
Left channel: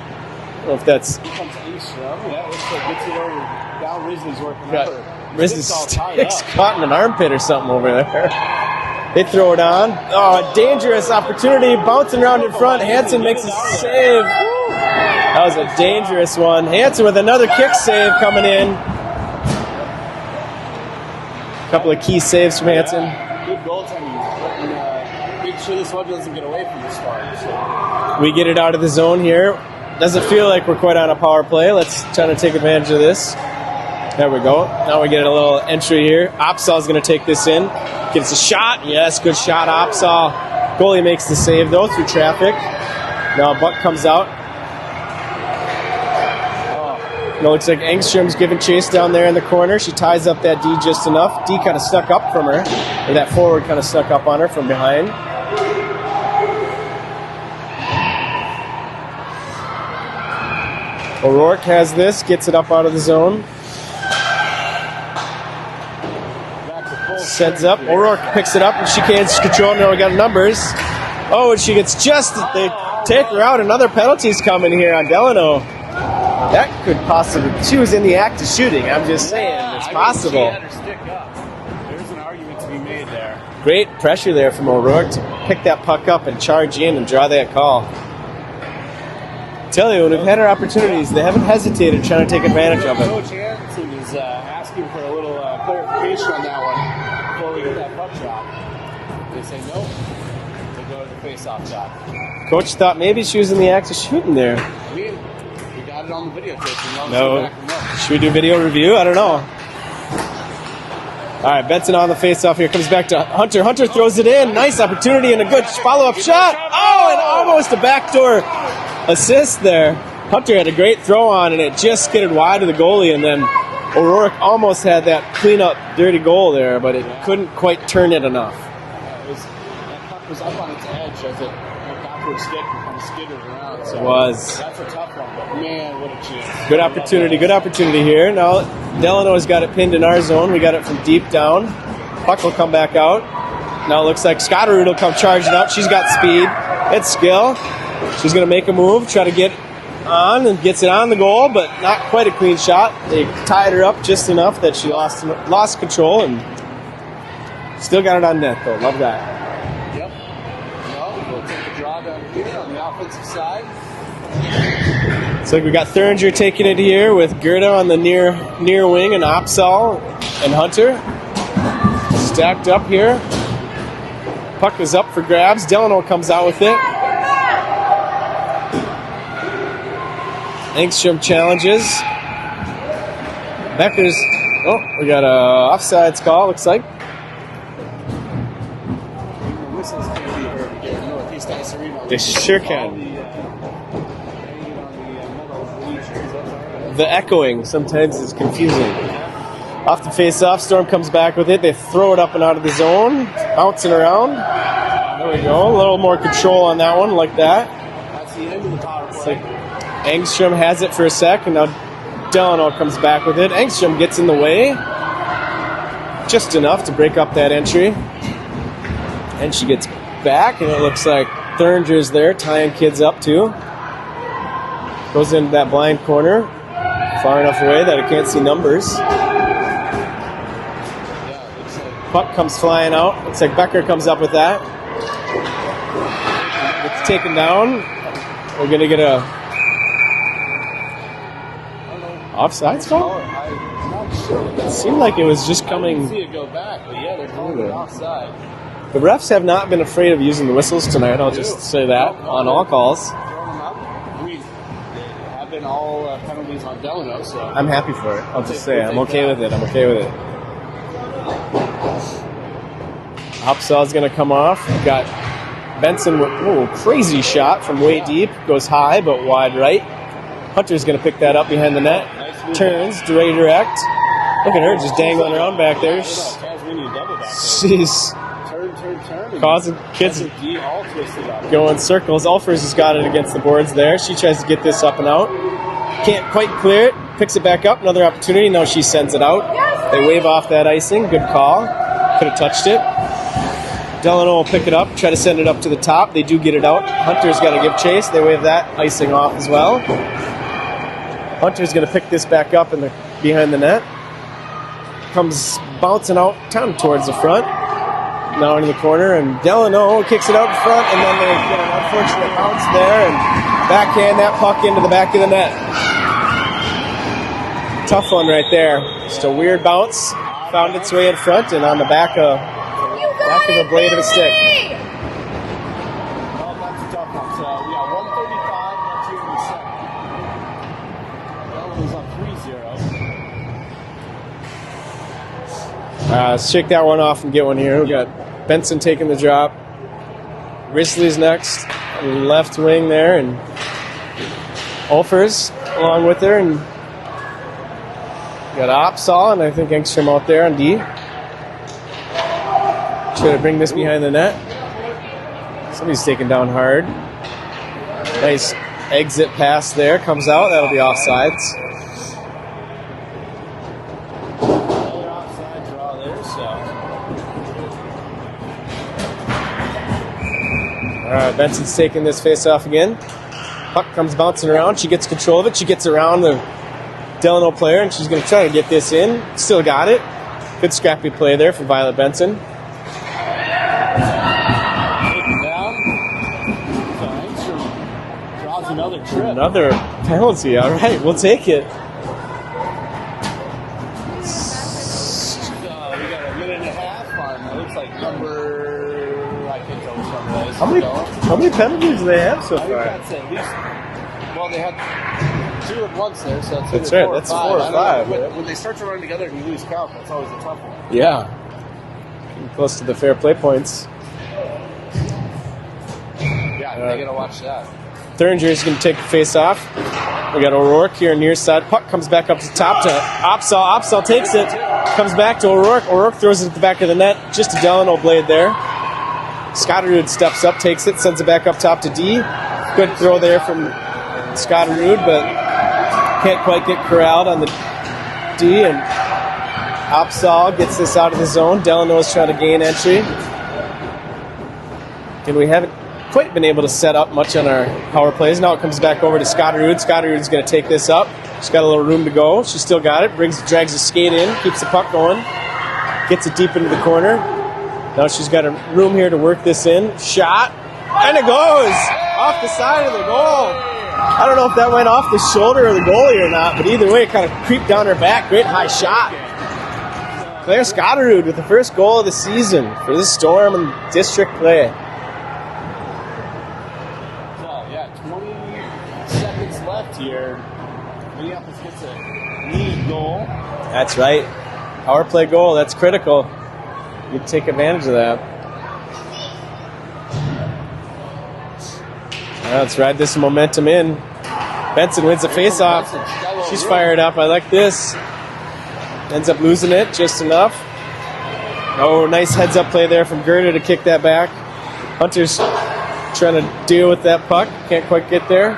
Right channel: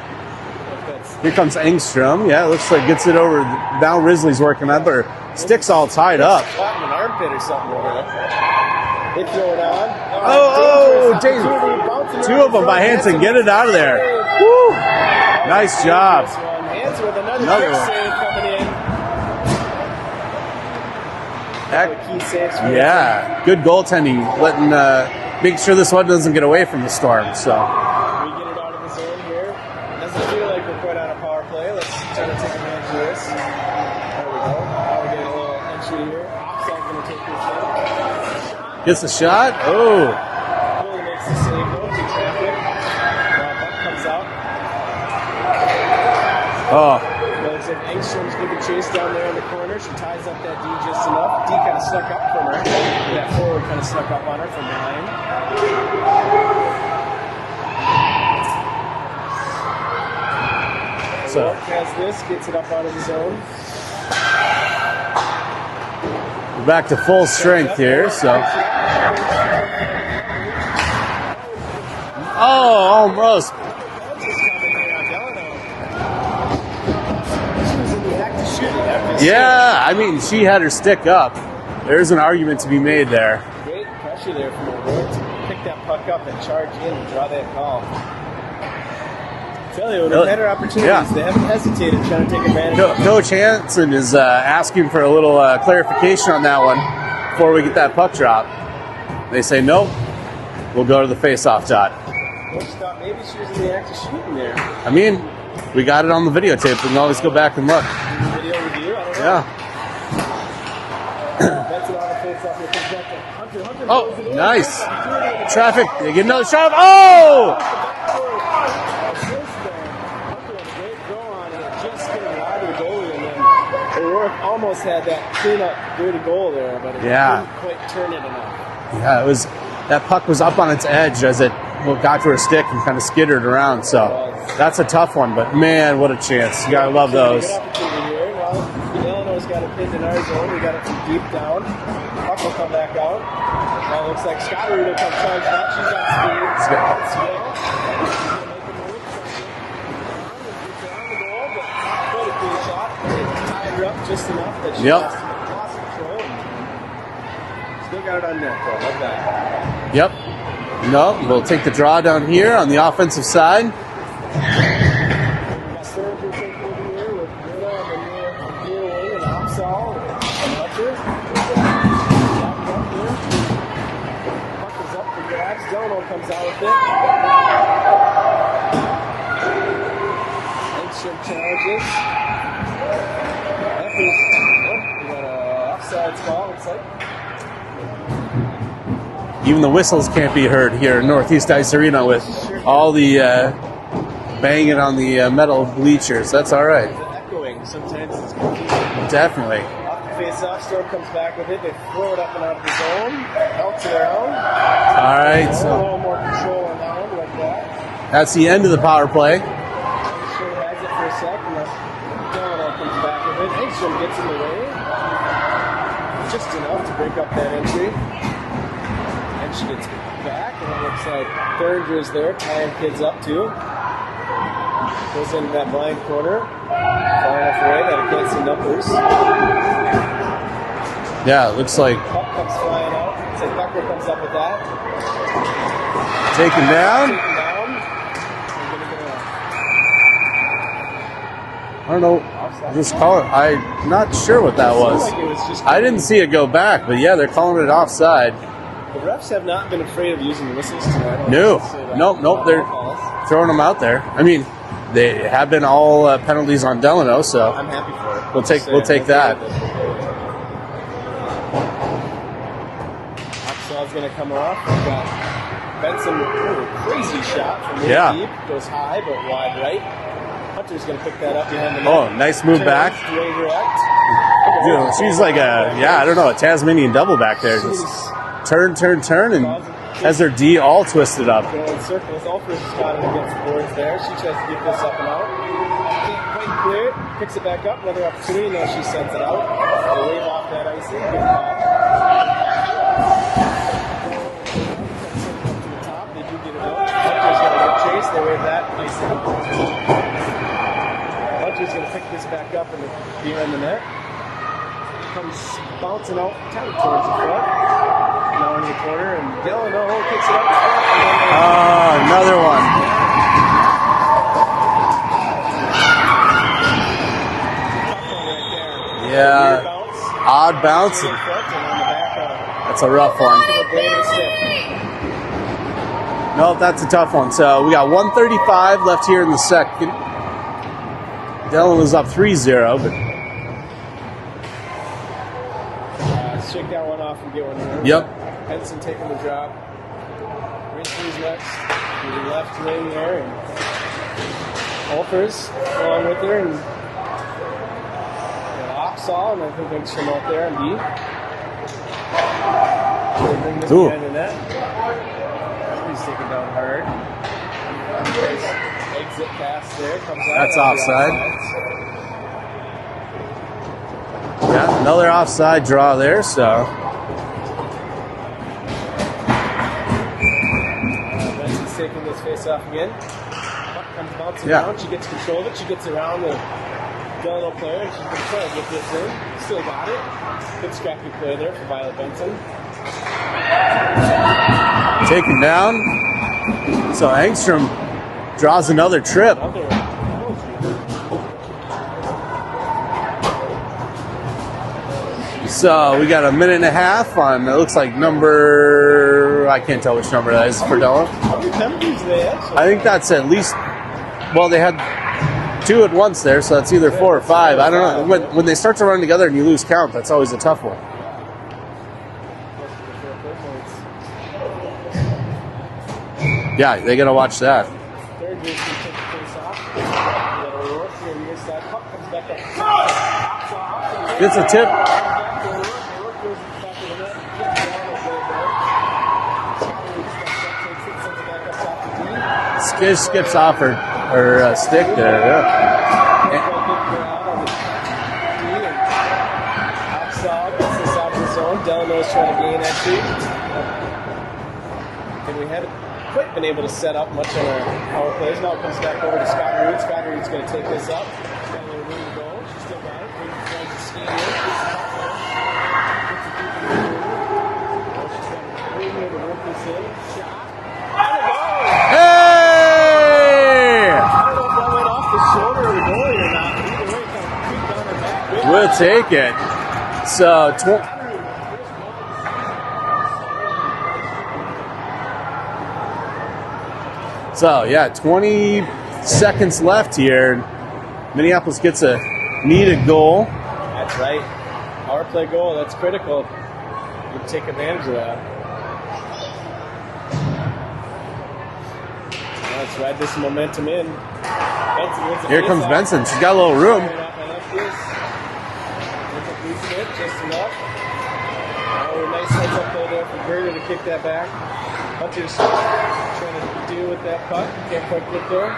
if that's here comes Engstrom. Yeah, it looks like gets it over. Now Risley's working that, but her stick's all tied up. Caught in an armpit or something over there. They throw it on. Dangerous opportunity, bouncing around in front. By Hansen, get it out of there. Save. Woo. That was Nice a dangerous one. Hansen with another kick save coming in. Couple of key saves from Hansen. Yeah, good goaltending, letting make sure this one doesn't get away from the Storm. So we get it out of the zone here. Doesn't feel like we're quite on a power play. Let's try to take advantage of this. There we go. Now we get a little entry here. Opsahl's going to take this in. Gets a shot. Good shot. Opsahl. Goalie makes the save, though, through traffic. Now a buck comes out. It looks like Engstrom's giving chase down there in the corner. She ties up that D just enough. D kind of snuck up from her. Or that forward kind of snuck up on her from behind. O'Rourke has this, gets it up out of the zone. we're back to full strength Up. here. O'Rourke picks it up and she can't control. Now we got numbers. Oh, and she gets just take her out. Another penalty's coming here on Delano. That could possibly. She was in the act of shooting. I'm just saying. I mean, possible. she had her stick up. There's an argument to be made there. Great pressure there from O'Rourke to pick that puck up and charge in and draw that call. Tell you, when they've had our opportunities, they haven't hesitated trying to take advantage of it. Coach Hansen is asking for a little clarification on that one before we get that puck drop. They say, nope, we'll go to the face-off dot. Coach thought maybe she was in the act of shooting there. I mean, we got it on the videotape. We can always go back and look. Should we do video review? I don't know. Yeah. All right, Benson on the face-off here. Comes back to Hunter. Hunter throws it in. Nice opportunity and a good Traffic. follow-up You get another shot. shot. Oh! Almost a backdoor assist there. Hunter had a great throw on, and it just skidded wide of the goalie, and then O'Rourke almost had that clean-up dirty goal there, but it couldn't quite turn it enough. Yeah, it was. That puck was up on its edge as it got to her stick and kind of skittered around. So that's a tough one, but man, what a chance! Good opportunity. Good opportunity here. Now Delano's got it pinned in our zone. We got it from deep down. Puck will come back out. Now it looks like Scotterud will come charging up. She's got speed. It's skill. She's going to make a move, try to get on, and gets it on the goal, but not quite a clean shot. They tied her up just enough that she lost control and still got it on net, though. Love that. Yep. No, we'll take the draw down here on the offensive side. Looks like we got Thuringer taking it here with Gerda on the near wing and Opsal and Hunter. Stacked up here. Puck is up for grabs. Delano comes out with it. Engstrom challenges. Becker's. Oh, we got a offsides call, looks like. Even the whistles can't be heard here in Northeast Ice Arena with all the banging on the metal bleachers. That's all right. The echoing sometimes is confusing. Definitely. Off the face-off, Storm comes back with it. They throw it up and out of the zone, bouncing around. All right. A little more control on that one, like that. That's the end of the power play. Engstrom has it for a sec, and now Delano comes back with it. Engstrom gets in the way, just enough to break up that entry. And she gets back, and it looks like Thuringer's there, tying kids up too. Goes into that blind corner, far enough away that I can't see numbers. Yeah, it looks like Puck comes flying out. Looks like Becker comes up with that. Taken down. Taken down. We're gonna get a. I don't know. Offside? I'm not sure what that was. It seemed like it was just I didn't see it go back, but yeah, they're calling it offside. The refs have not been afraid of using the whistles tonight. I'll just say that on all calls. Throwing them out there. I mean, they have been all penalties on Delano, so I'm happy for it. We'll take I'm that. Okay with it. I'm okay with it. Opsal's going to come off. We've got Benson with crazy shot from way deep. Goes high, but wide right. Hunter's going to pick that up behind the net. Oh, nice move back. Redirect. Look at her. Just seems like I don't know, a Tasmanian devil back there. She's turn, and has her D all twisted up. Going circles. Alfers has got it against the boards there. She tries to get this up and out. Can't quite clear it. Picks it back up. Another opportunity. No, she sends it out. They wave off that icing. Good call. Could have touched it. Delano will pick it up, try to send it up to the top. They do get it out. Hunter's got to give chase. They wave that icing off as well. Hunter's going to pick this back up behind the net. Comes bouncing out down towards the front. Now into the corner, and Delano kicks it out in front, and then another one there, and backhand that puck into the back of the net. Tough one right there. Just a weird bounce. Odd bounce. Its way in front, and on the back of that's a rough one. Off of the blade of the stick. No, that's a tough one. So we got 1:35 left here in the second. Delano's up 3-0. Let's shake that one off and get one here. Yep. But Benson taking the drop. Risley's next. Left wing there. And Olfers along with her. And got Opsal and I think Engstrom out there on D. Trying to bring this behind the net. Somebody's taken down hard. Nice exit pass there. Comes out. That'll be offsides. Yeah, another offside draw there, so. Benson's taking this face off again. Puck comes bouncing around. She gets control of it. She gets around the Delano player, and she's going to try to get this in. Still got it. Good scrappy play there for Violet Benson. Taken down. So Engstrom draws another trip. Another penalty. All right, we'll take it. So we got a minute and a half on, it looks like number I can't tell which number that is for Delano. How many penalties do they have so I think far? that's at least, well, they had 2 at once there, so that's either That's right, 4 or that's 5. 4 or I don't 5. know. When they start to run together and you lose count, that's always a tough one. Yeah. Close to the fair play points. Yeah, they got to watch that. Thuringer is going to take the face off. We got O'Rourke here near side. Puck comes back up to top to Opsahl. Opsahl takes Gets it. the tip. Comes back to O'Rourke. O'Rourke throws it at the back of the net. Just a Delano blade there. Scotterud steps up, takes it, sends it back up top to D. Good throw Skips there off from or Scotterud, stick but there, yeah. can't quite get corralled on the D. And Opsahl gets this out of the zone. Delano's trying to gain entry. And we haven't quite been able to set up much on our power plays. Now it comes back over to Scotterud. Scotterud's going to take this up. She's got a little room to go. She's still got it. Drags the skate in. Keeps the puck going. Gets it deep into the corner. Now she's got a room here to work this in. Shot. And it goes! Off the side of the goal. I don't know if that went off the shoulder of the goalie or not, but either way, it kind of creeped down her back. Great high We'll shot. take it. So There's Scotterud with the first goal of the season for this Storm and district play. So, yeah, 20 seconds left here. Minneapolis gets a needed goal. That's right. Power play goal, that's critical. You take advantage of that. Let's ride this momentum in. Benson wins the Here comes face-off. Benson. She's got a little She's room. fired up. I like this. Ends up losing it just enough. Oh, nice heads-up play there from Gerda to kick that back. Hunter's trying to deal with that puck. Can't quite get there.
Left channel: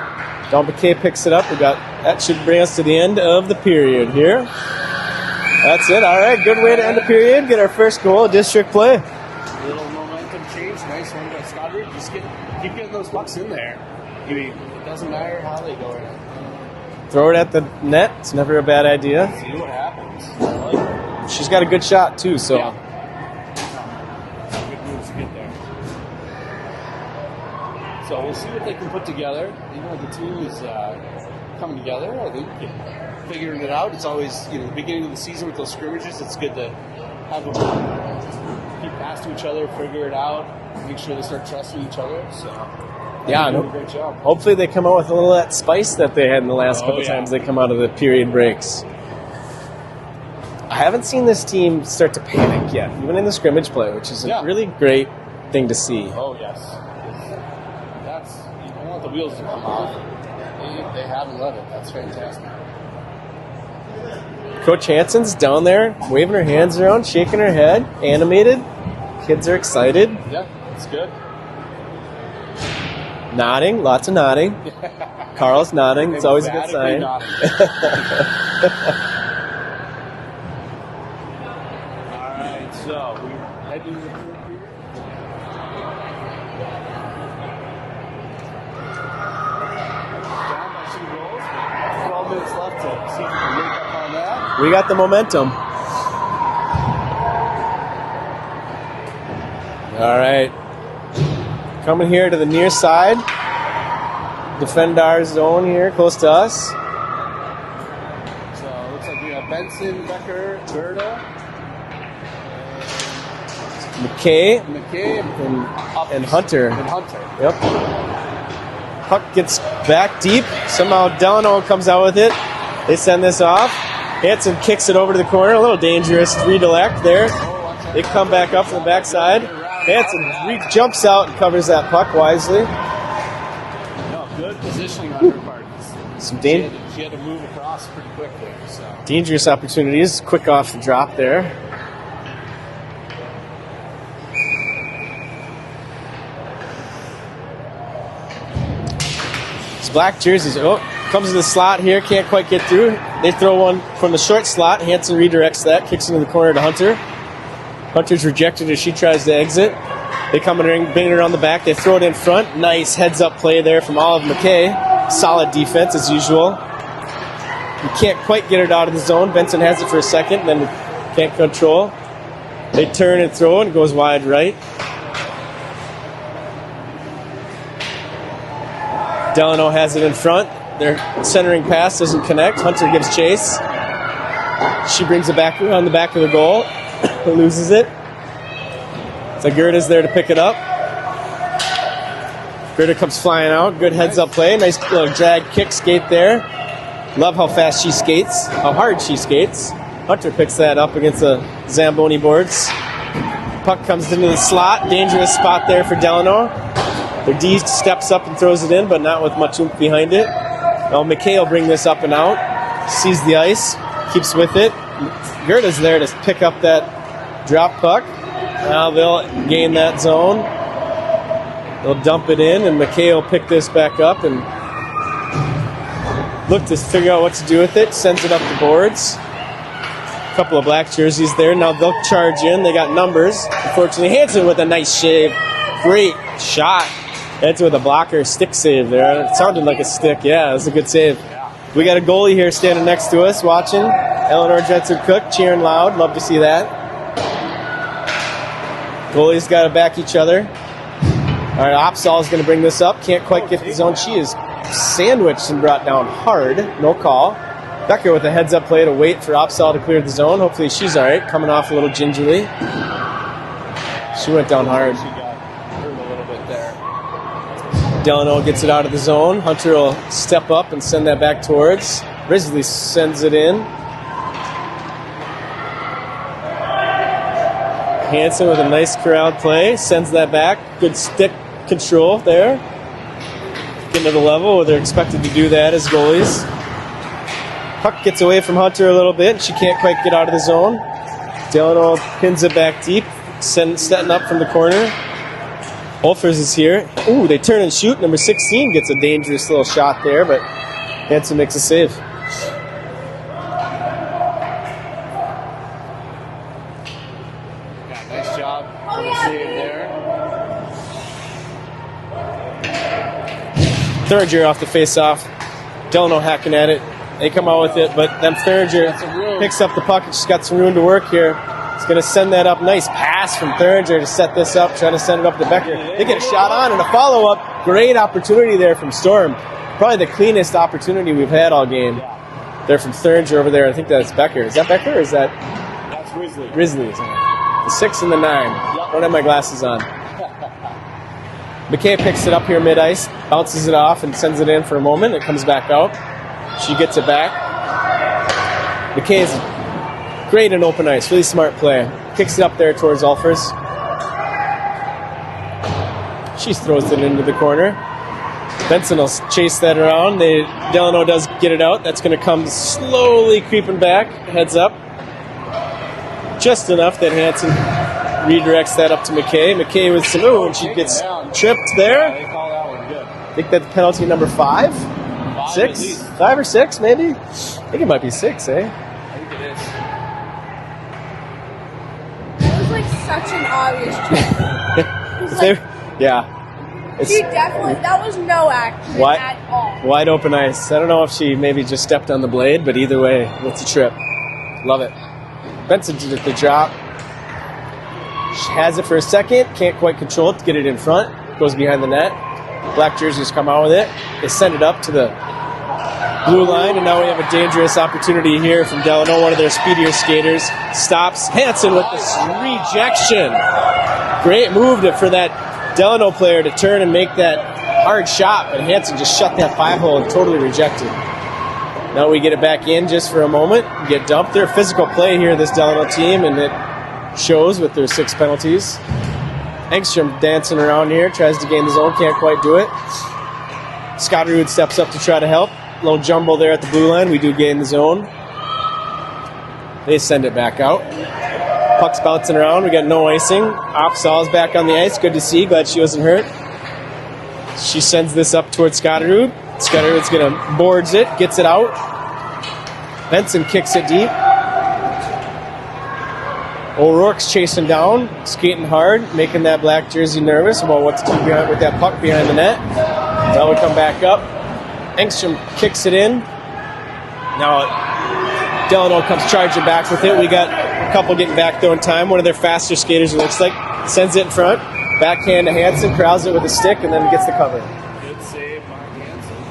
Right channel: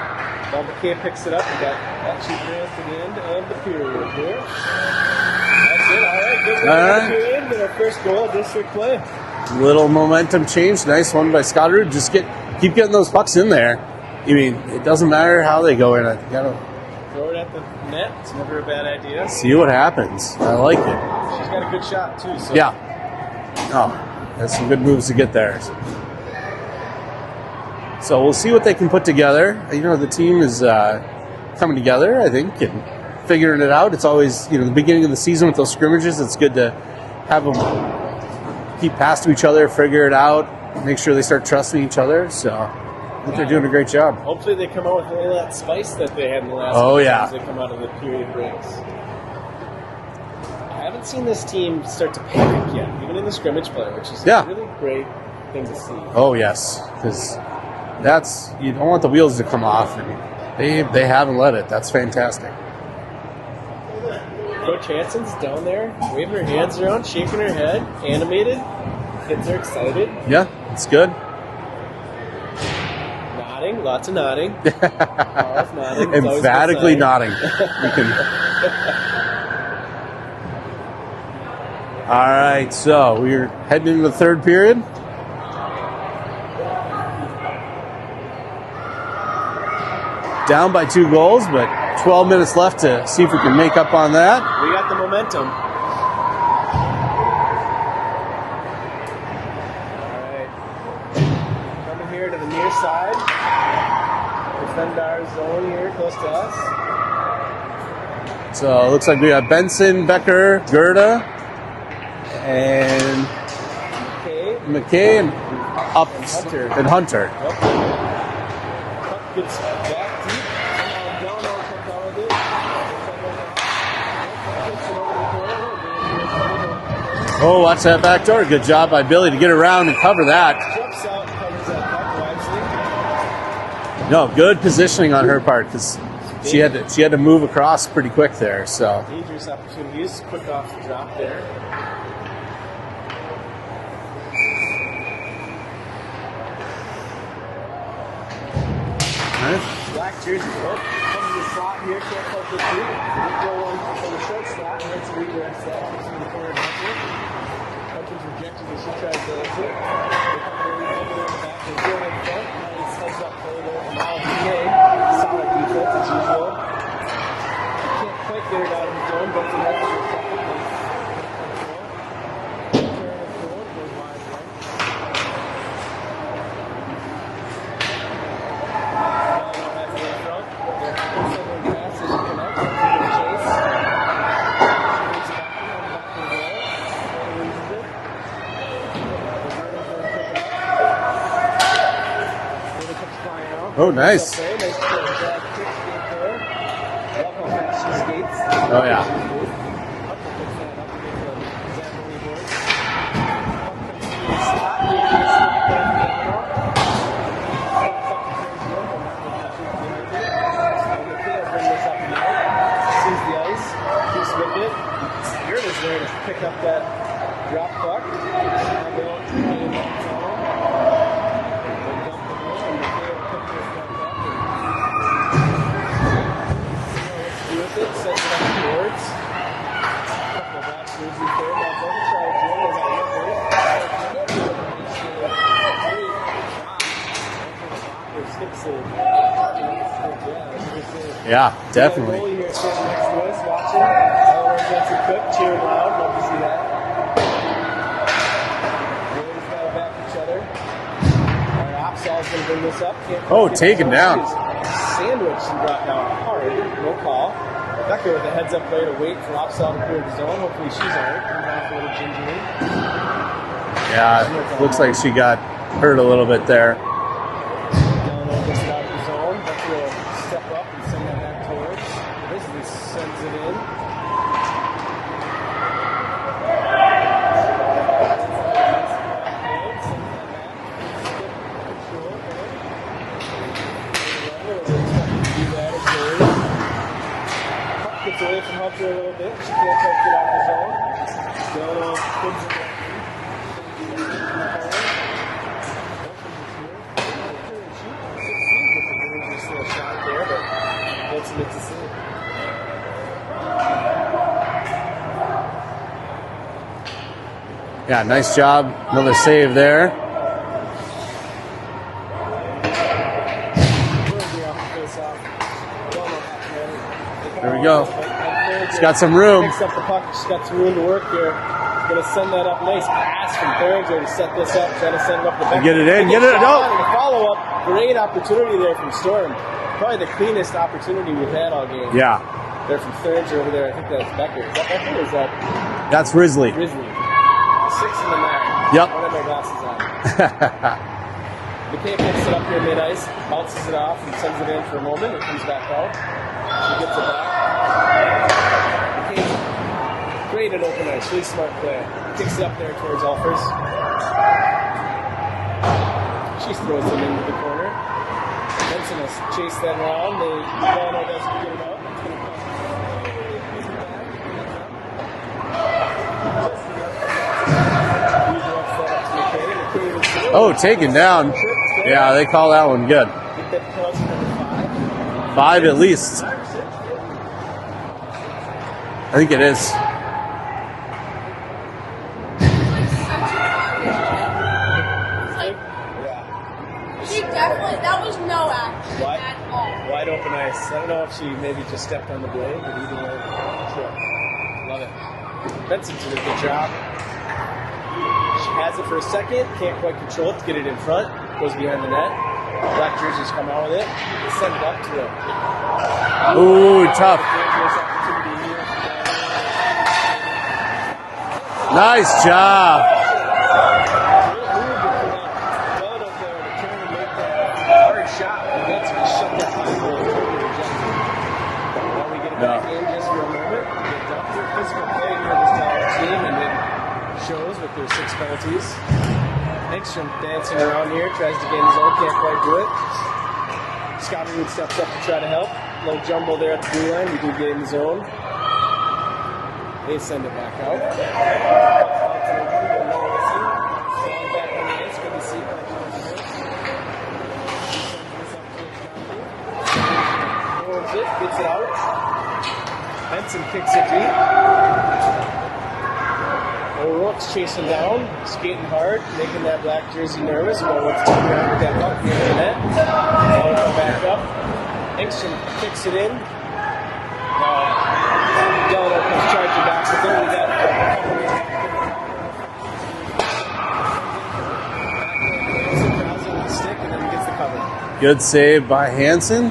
Don Bouquet picks it up. That should bring us to the end of the period here. That's it. All right, good way to end the period. Get our first goal of district play. Little momentum change. Nice one by Scotterud. Just keep getting those pucks in there. I mean, it doesn't matter how they go in. You gotta Throw it at the net. It's never a bad idea. see what happens. I like it. She's got a good shot, too. So Yeah. Oh, that's some good moves to get there. So we'll see what they can put together. You know, the team is coming together, I think, and figuring it out. It's always, the beginning of the season with those scrimmages, it's good to have them keep pass to each other, figure it out, make sure they start trusting each other. So they're doing a great job. Hopefully they come out with a little of that spice that they had in the last couple times they come out of the period breaks. I haven't seen this team start to panic yet, even in the scrimmage play, which is a really great thing to see. Oh, yes, because you don't want the wheels to come off, and they haven't let it. That's fantastic. Coach Hansen's down there, waving her hands around, shaking her head, animated. Kids are excited. Yeah, it's good. Nodding, lots of nodding. Carl's nodding. It's always a good Emphatically sign. nodding. All right, so we're heading into the third period. Down by 2 goals, but 12 minutes left to see if we can make up on that. We got the momentum. All right. Coming here to the near side. Defend our zone here, close to us. So it looks like we got Benson, Becker, Gerda, and McKay, and Hunter. And Hunter. Yep. Puck gets back deep. Somehow Delano comes out with it. They send this off. Hits and kicks it over to the corner. A little dangerous redirect there. Oh, watch that back door. Good job by Billy to get around and cover that. He jumps out and covers that puck wisely. No, good positioning on her part because she had to move across pretty quick there. So dangerous opportunities. Quick off the drop there. It's black jerseys. Oh, comes to the slot here. Can't quite get through. They throw one from the short slot. Hansen redirects that. Kicks into the corner to Hunter. Hunter's rejected as she tries to exit. They come in and bring it around the back. They throw it in front. Nice heads-up play there from Olive McKay. Solid defense as usual. You can't quite get it out of the zone. Benson has it for a second, then can't control. They turn and throw it. It goes wide right. Delano has it in front. Their centering pass doesn't connect. Hunter gives chase. She brings it back around the back of the goal. Loses it. So Gerda's there to pick it up. Gritter comes flying out. Good nice. heads up play. Nice drag kick skate there. Love how fast she skates, how hard she skates. Hunter picks that up against the Zamboni boards. Puck comes into the slot. Dangerous spot there for Delano. The D steps up and throws it in, but not with much oomph behind it. Now McKay will bring this up and out. Sees the ice, keeps with it. Gerda's there to pick up that drop puck. Now they'll gain that zone. They'll dump it in, and McKay will pick this back up and look to figure out what to do with it. Sends it up the boards. A couple of black jerseys there. Now they'll charge in. They got numbers. Unfortunately, Hansen with a nice shave. Great shot. Hansen with a blocker stick save there. It sounded like a stick. Yeah, it was a good save. Yeah, We got a goalie here standing next to us watching. Eleanor Jensen-Cook cheering loud. Love to see that. Goalies got to back each other. All right, Opsahl is going to bring this up. Can't quite get the zone. down. She is sandwiched and brought down hard. No call. Becker with a heads-up play to wait for Opsahl to clear the zone. Hopefully she's all right. Coming off a little gingerly. Yeah, She went down looks hard. like she got hurt a little bit there. Delano gets it out of the zone. Hunter will step up and send that back towards. Risley sends it in. Hansen with a nice corralled play. Sends that back. Good stick control there. Getting to the level where they're expected to do that as goalies. Puck gets away from Hunter a little bit. She can't quite get out of the zone. Delano pins it back deep. Setting up from the corner. Wolfers is here. Ooh, they turn and shoot. Number 16 gets a dangerous little shot there, but Hansen makes a save. Yeah, nice job. Another save there. Thuringer off the face-off. Delano hacking at it. They come There we out with go. it, but then Thuringer Got some room. picks up the puck. She's got some room to work here. He's going to send that up. Nice pass from Thuringer to set this up, trying to send it up the back. Get it in, get it shot out. on, and a follow-up. Great opportunity there from Storm. Probably the cleanest opportunity we've had all game. Yeah, They're from Thuringer over there. I think that's Becker. Is that Becker or is that that's Risley. Grizzly? The 6 and the 9. Yep. Don't have my glasses on. McKay picks it up here mid-ice, bounces it off, and sends it in for a moment. It comes back out. She gets it back. McKay is great in open ice. Really smart play. Kicks it up there towards Alfers. She throws it into the corner. Benson will chase that around. Delano does get it out. That's going to come slowly creeping back. Heads up. Just enough that Hansen redirects that up to McKay. McKay with some she taken gets down. tripped there. Yeah, they call that one good. I think that's penalty number 5. 5 6? at least. 5 or 6, maybe? I think it might be 6, eh? I think it is. It was like such an obvious trick. It was like, Yeah. she definitely, that was no act What? at all. Wide open ice. I don't know if she maybe just stepped on the blade, but either way, it's a trip. Love it. Benson did the drop. She has it for a second. Can't quite control it to get it in front. Goes behind the net. Black jerseys come out with it. They send it up to the blue line. Ooh, Now we tough. have a dangerous opportunity here from Delano, one of their speedier skaters. Stops. Hansen with Nice a job. rejection. Great move for that Delano player to turn and make that hard shot. And Hansen just shut that 5-hole and totally rejected. Now we get it back in just for a moment. Get dumped. They're physical play here, this Delano team, and it shows with their 6 penalties. Engstrom dancing around here, tries to gain the zone, can't quite do it. Scotterud steps up to try to help. Little jumble there at the blue line. We do gain the zone. They send it back out. Puck's bouncing around. We got no icing. Opsahl's back on the ice. Good to see. Glad she wasn't hurt. She sends this up towards Scotterud. Scotterud's going to boards it, gets it out. Benson kicks it deep. O'Rourke's chasing down, skating hard, making that black jersey nervous about what's to behind with that puck behind the net. That will come back up. Engstrom kicks it in. Now Delano comes charging back with it. We got a couple getting back though in time. One of their faster skaters, it looks like, sends it in front. Backhand to Hansen, corrals it with a stick, and then gets the cover. Good save by Hansen.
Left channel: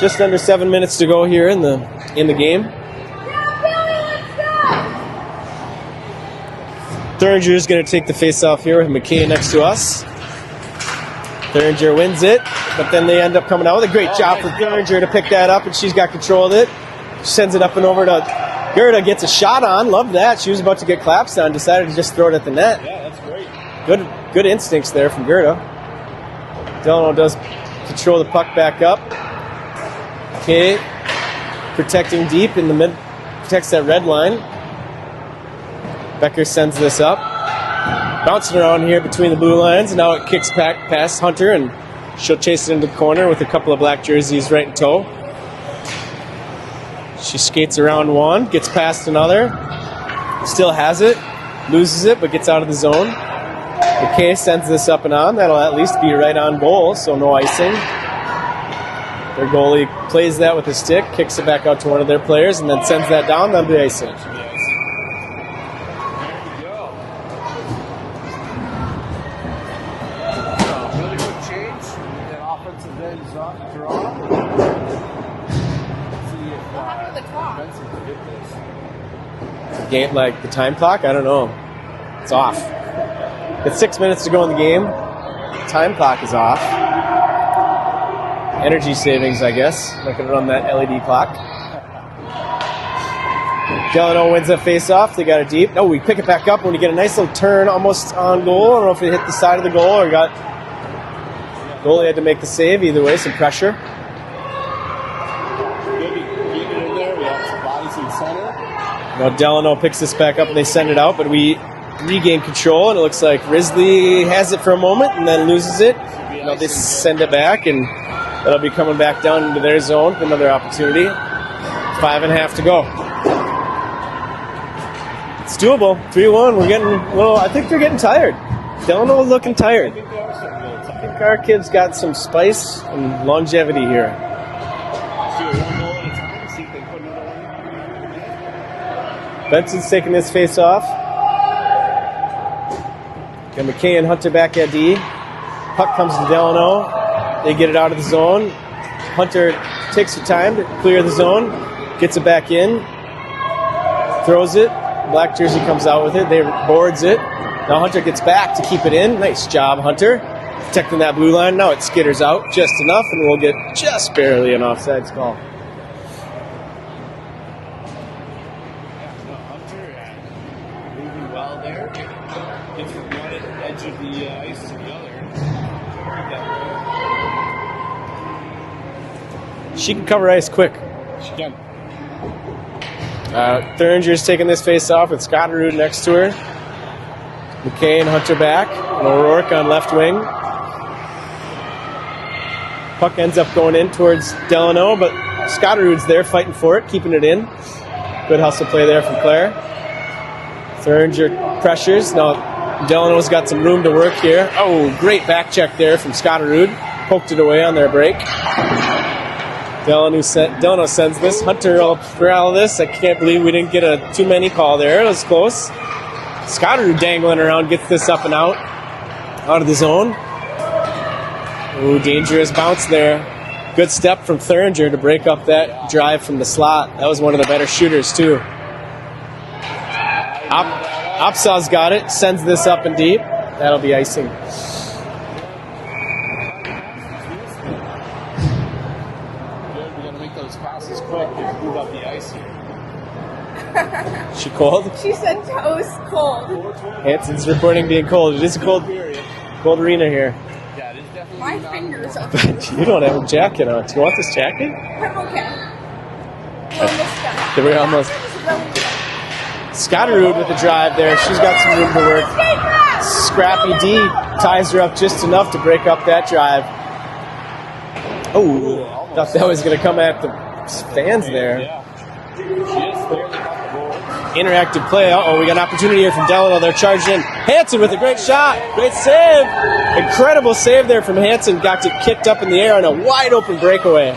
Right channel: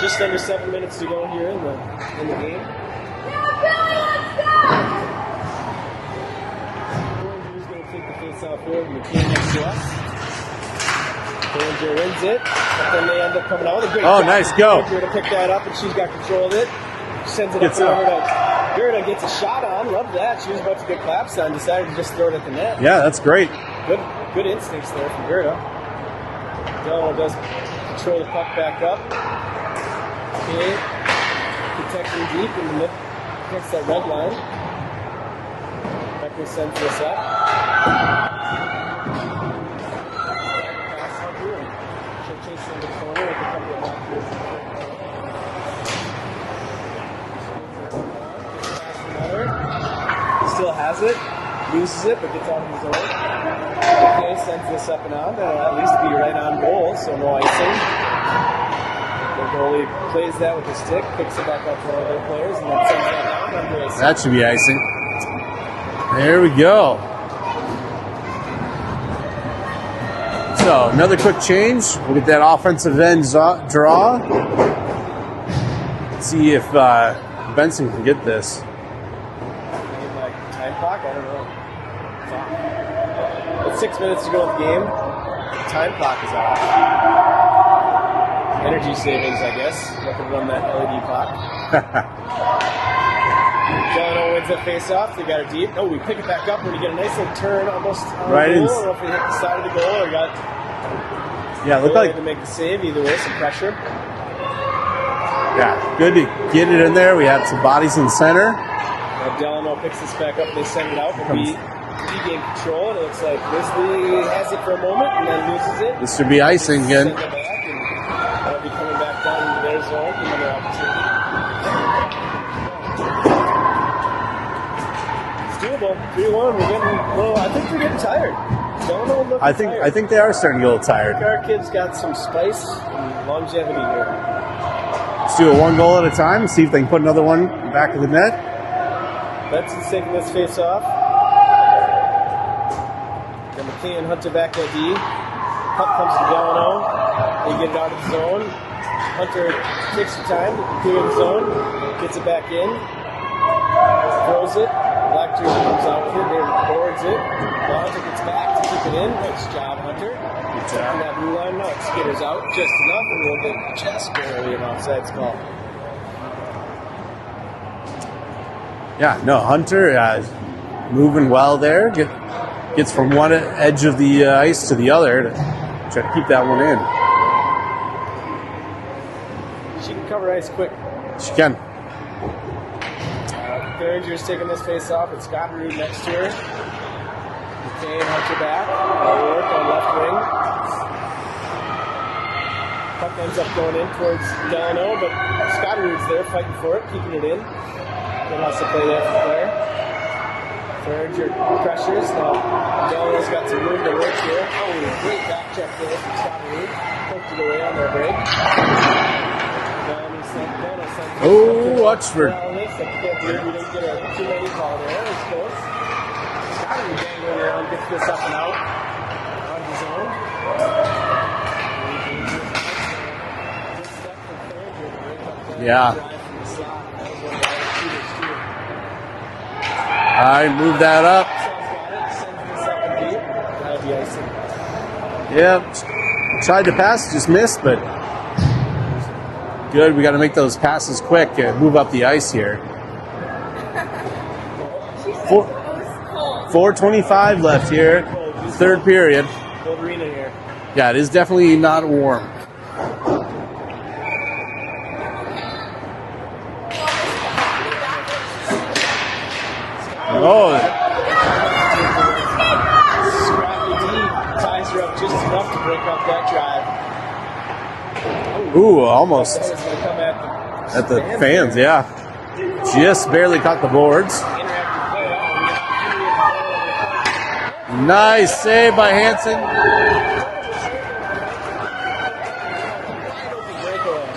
Just under 7 minutes to go here in the game. Thuringer is going to take the face-off here with McKay next to us. Thuringer wins it, but then they end up coming out with a great job nice for go. Thuringer to pick that up, and she's got control of it. She sends it up and over to Gerda, gets a shot on. Love that. She was about to get claps on, decided to just throw it at the net. Yeah, that's great. Good instincts there from Gerda. Delano does control the puck back up. Okay, protecting deep in the mid, protects that red line. Becker sends this up. Bouncing around here between the blue lines. Now it kicks back past Hunter, and she'll chase it into the corner with a couple of black jerseys right in tow. She skates around one, gets past another, still has it, loses it, but gets out of the zone. Okay, sends this up and on. That'll at least be right on goal, so no icing. Their goalie plays that with a stick, kicks it back out to one of their players, and then sends that down. That'll be icing. That should be icing. There we go. So, another quick change. We'll get that offensive end draw. Let's see if Benson can get this. Game, like the time clock? I don't know. It's off. It's 6 minutes to go in the game. The time clock is off. Energy savings, I guess. Not going to run that LED clock. Delano wins that face-off. They got it deep. Oh, we pick it back up when we get a nice little turn almost on Right goal. I don't know if it hit the side of the goal or got... Yeah, Goalie had to make the save. Either way, some pressure. Yeah, good to get it in there. We have some bodies in center. Now Delano picks this back up and they send it out, but we regain control, and it looks like Risley has it for a moment and then loses it. This should be icing They again. send it back, and that'll be coming back down into their zone for another opportunity. 5.5 to go. It's doable. 3-1. We're getting, well, I think they're getting tired. Delano looking tired. I think they are starting to get a little tired. Our kids got some spice and longevity here. Let's do it one goal at a time and see if they can put another one back of the net. Benson's taking his face off. And McKay and Hunter back at D. Puck comes to Delano. They get it out of the zone. Hunter takes the time to clear the zone. Gets it back in. Throws it. Black jersey comes out with it. They boards it. Now Hunter gets back to keep it in. Nice job, Hunter. Protecting that blue line. Now it skitters out just enough, and we'll get just barely an offside call. Yeah, no, Hunter moving well there. Gets from one edge of the ice to the other to try to keep that one in. She can cover ice quick. She can. Thuringer's taking this face off with Scotterud next to her. McKay and Hunter back. O'Rourke on left wing. Puck ends up going in towards Delano, but Scotterud's there fighting for it, keeping it in. Good hustle play there from Claire. Thuringer pressures. Now Delano's got some room to work here. Oh, great back check there from Scotterud. Poked it away on their break. Delano sends this. Hunter for all of this. I can't believe we didn't get a too many call there. It was close. Scotterud dangling around, gets this up and out of the zone. Ooh, dangerous bounce there. Good step from Thuringer to break up that drive from the slot. That was one of the better shooters, too. I moved that up. Opsaw's got it, sends this up and deep. That'll be icing. Yeah, tried to pass, just missed, but good. We got to make those passes quick and move up the ice here. She cold? She said toast cold. 4:25 left here. Cold. It is third cold period. Cold arena here. Yeah, it is definitely not warm. You don't have a jacket on. Do you want this jacket? I'm okay. We're almost. Scotterud with the drive there. She's got some room to work. Scrappy D ties her up just enough to break up that drive. Oh, almost. That was going to come at the fans there. Yeah. Just barely caught the boards. Interactive play. Uh-oh, we got an opportunity here from Delano. They're charged in. Hansen with a great shot. Save by Good Hansen. save. Incredible save there from Hansen. Got it kicked up in the air on a wide open breakaway.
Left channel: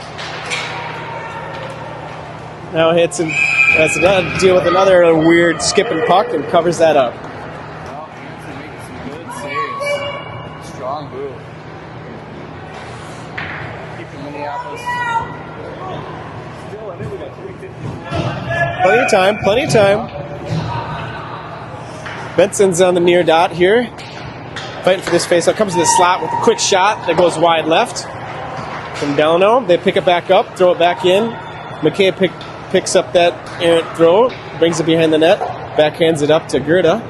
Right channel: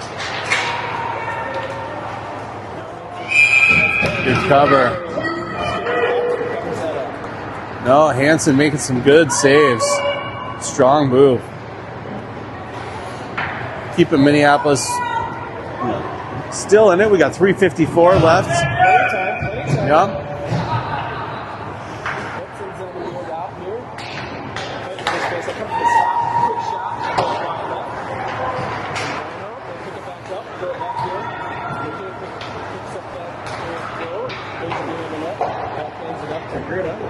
Now Hansen has to deal with another weird skipping puck and covers that up. No, Hansen making some good saves. Strong move. Keeping Minneapolis still in it. We got 3:54 left. Plenty of time. Yeah. Benson's on the near dot here. Fighting for this face-off. Comes to the slot with a quick shot that goes wide left from Delano. They pick it back up, throw it back in. McKay picks up that errant throw, brings it behind the net, backhands it up to Gerda.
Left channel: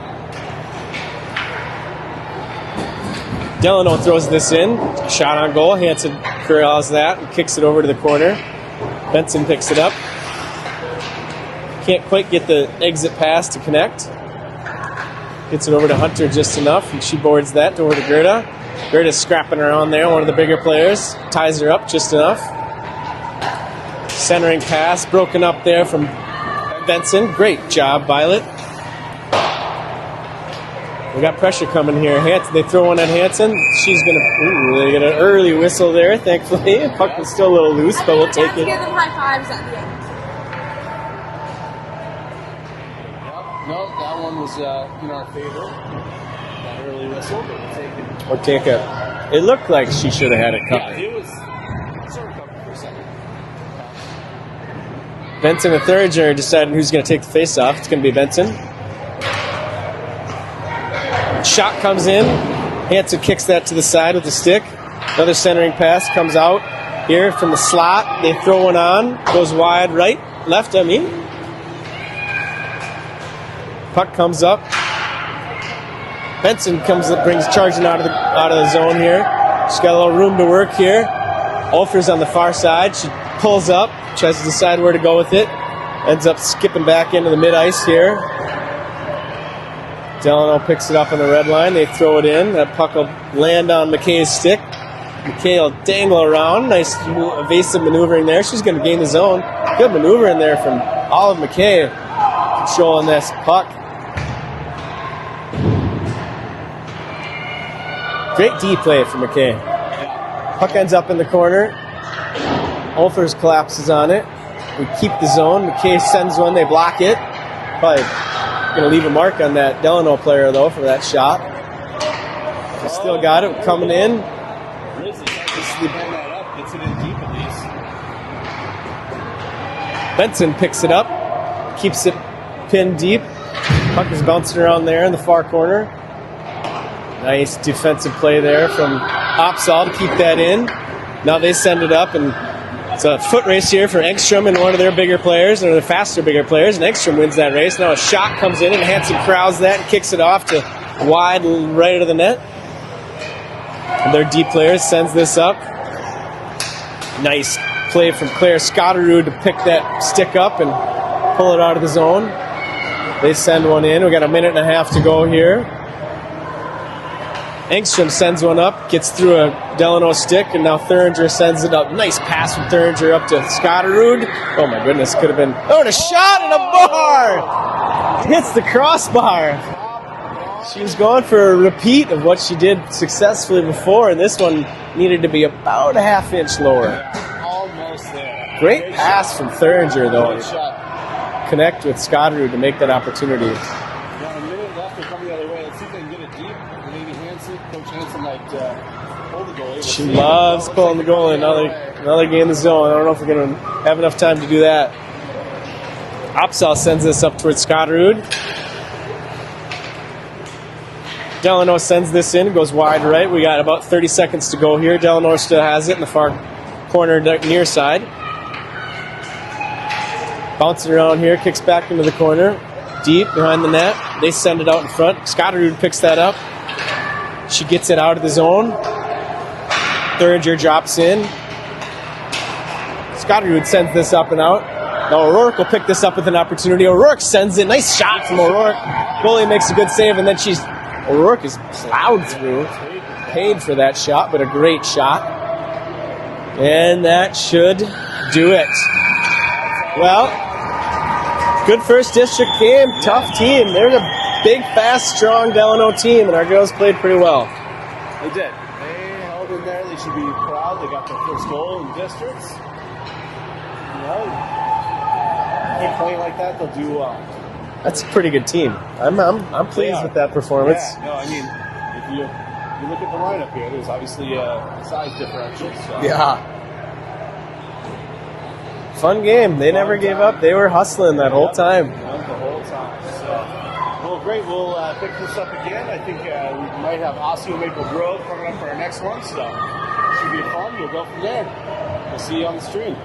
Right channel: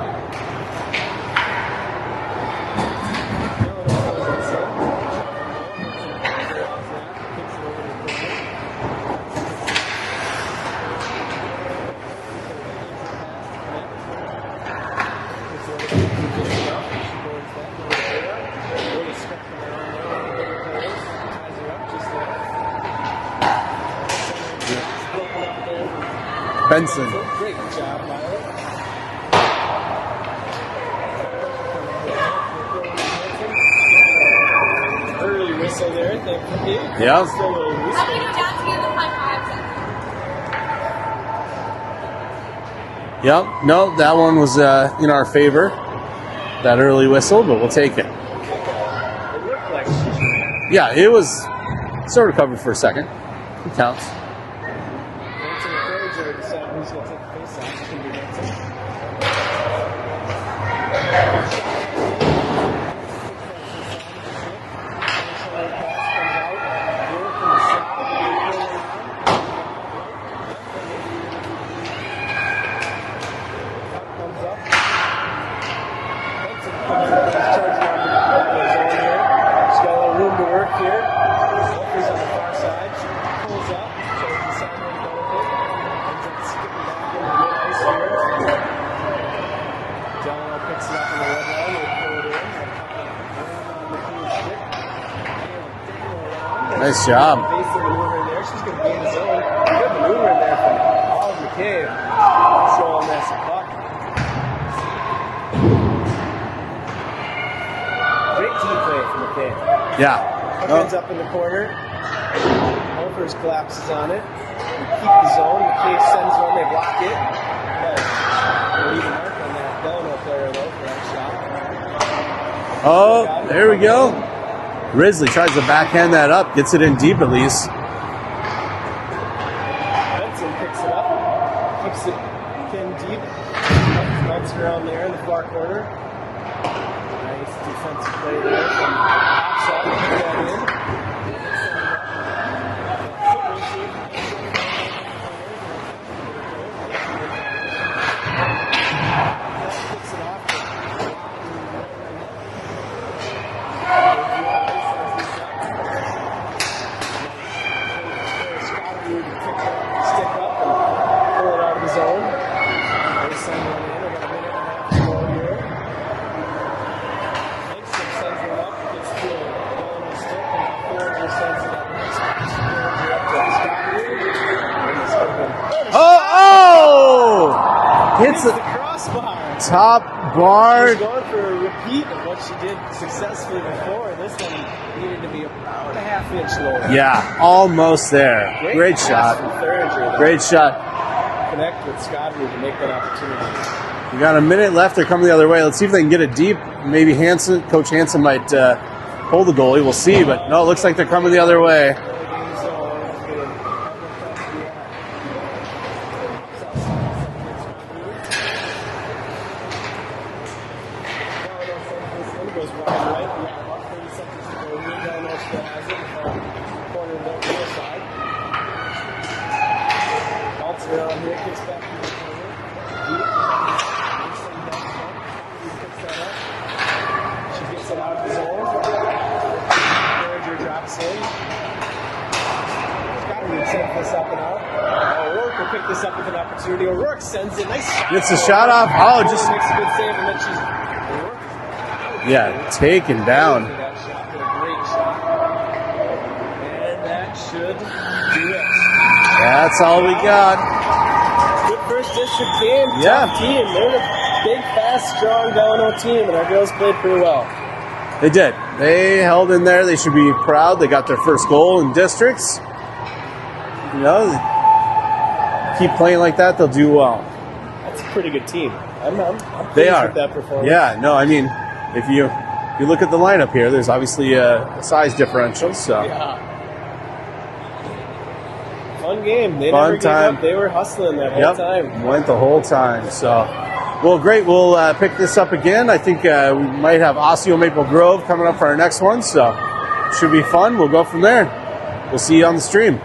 Delano throws this in. Shot on goal. Hansen corrals that and kicks it over to the corner. Benson picks it up. Can't quite get the exit pass to connect. Gets it over to Hunter just enough, and she boards that over to Gerda. Gerda's scrapping around there, one of the bigger players. Ties her up just enough. Centering pass, broken up there from Benson. Great job, Violet. We got pressure coming here. They throw one at Hansen. She's going to they get an early whistle there, thankfully. Puck is still a little loose, but we'll take it. Give them high fives at the end. Yep. No, that one was in our favor. That early whistle, but we'll take it. We'll take it. It looked like she should have had it covered. Yeah, it was sort of covered for a second. It counts. Benson and Thuringer deciding who's going to take the face-off. It's going to be Benson. Shot comes in. Hansen kicks that to the side with the stick. Another centering pass comes out here from the slot. They throw one on. Goes wide left, I mean. Puck comes up. Benson brings charging out of the zone here. She's got a little room to work here. Olfer's on the far side. She pulls up, tries to decide where to go with it. Ends up skipping back into the mid-ice here. Delano picks it up on the red line. They throw it in. That puck will land on McKay's stick. McKay will dangle around. Nice job. Evasive maneuvering there. She's going to gain the zone. Good maneuver in there from Olive McKay. Controlling this puck. Great D play from McKay. Yeah. Puck ends up in the corner. Olfers collapses on it. We keep the zone. McKay sends one. They block it. Probably going to leave a mark on that Delano player, though, for that shot. Still got it. There we go. In. Grizzly tries to backhand that up. Gets it in deep at least. Benson picks it up. Keeps it pinned deep. Puck is bouncing around there in the far corner. Nice defensive play there from Opsahl to keep that in. Now they send it up, and it's a foot race here for Engstrom and one of their bigger players, or the faster bigger players, and Engstrom wins that race. Now a shot comes in, and Hansen crowds that and kicks it off to wide right of the net. And their D player sends this up. Nice play from Claire Scotterud to pick that stick up and pull it out of the zone. They send one in. We got a minute and a half to go here. Engstrom sends one up, gets through a Delano stick, and now Thuringer sends it up. Nice pass from Thuringer up to Scotterud. Oh my goodness, could have been. Oh, and a shot! Hits the crossbar. Top bar. She's going for a repeat of what she did successfully before, and this one needed to be about a half-inch lower. Yeah, almost there. Great shot pass from Thuringer, though. Great shot. Connect with Scotterud to make that opportunity. We got a minute left. They're coming the other way. Let's see if they can get it deep. Maybe Coach Hansen might hold the goalie. We'll see. But no, it looks like they're coming the other way. Another game in the zone. I don't know if we're going to have enough time to do that. Opsahl sends this up towards Scotterud. Delano sends this in. Goes wide right. We got about 30 seconds to go here. Delano still has it in the far corner near side. Bouncing around here. Kicks back into the corner. Deep behind the net. They send it out in front. Scotterud picks that up. She gets it out of the zone. Thuringer drops in. Scotterud sends this up and out. Now O'Rourke will pick this up with an opportunity. O'Rourke sends it. Nice shot. Gets the shot off. Goalie makes a good save, and then O'Rourke is plowed through. Yeah, taken down. Paid for that shot, but a great shot. And that should do it. That's all we got. Good first district game. Yeah. Tough team. They're a big, fast, strong Delano team, and our girls played pretty well. They did. They held in there. They should be proud. They got their first goal in districts. You know, keep playing like that, they'll do well. That's a pretty good team. I'm pleased with that performance. Yeah, no, I mean, if you look at the lineup here, there's obviously a size differential. So yeah. Fun game. They never gave up. They were hustling that whole time. Went the whole time. So Well, great. We'll pick this up again. I think we might have Osseo Maple Grove coming up for our next one, so should be fun. We'll go from there. We'll see you on the stream.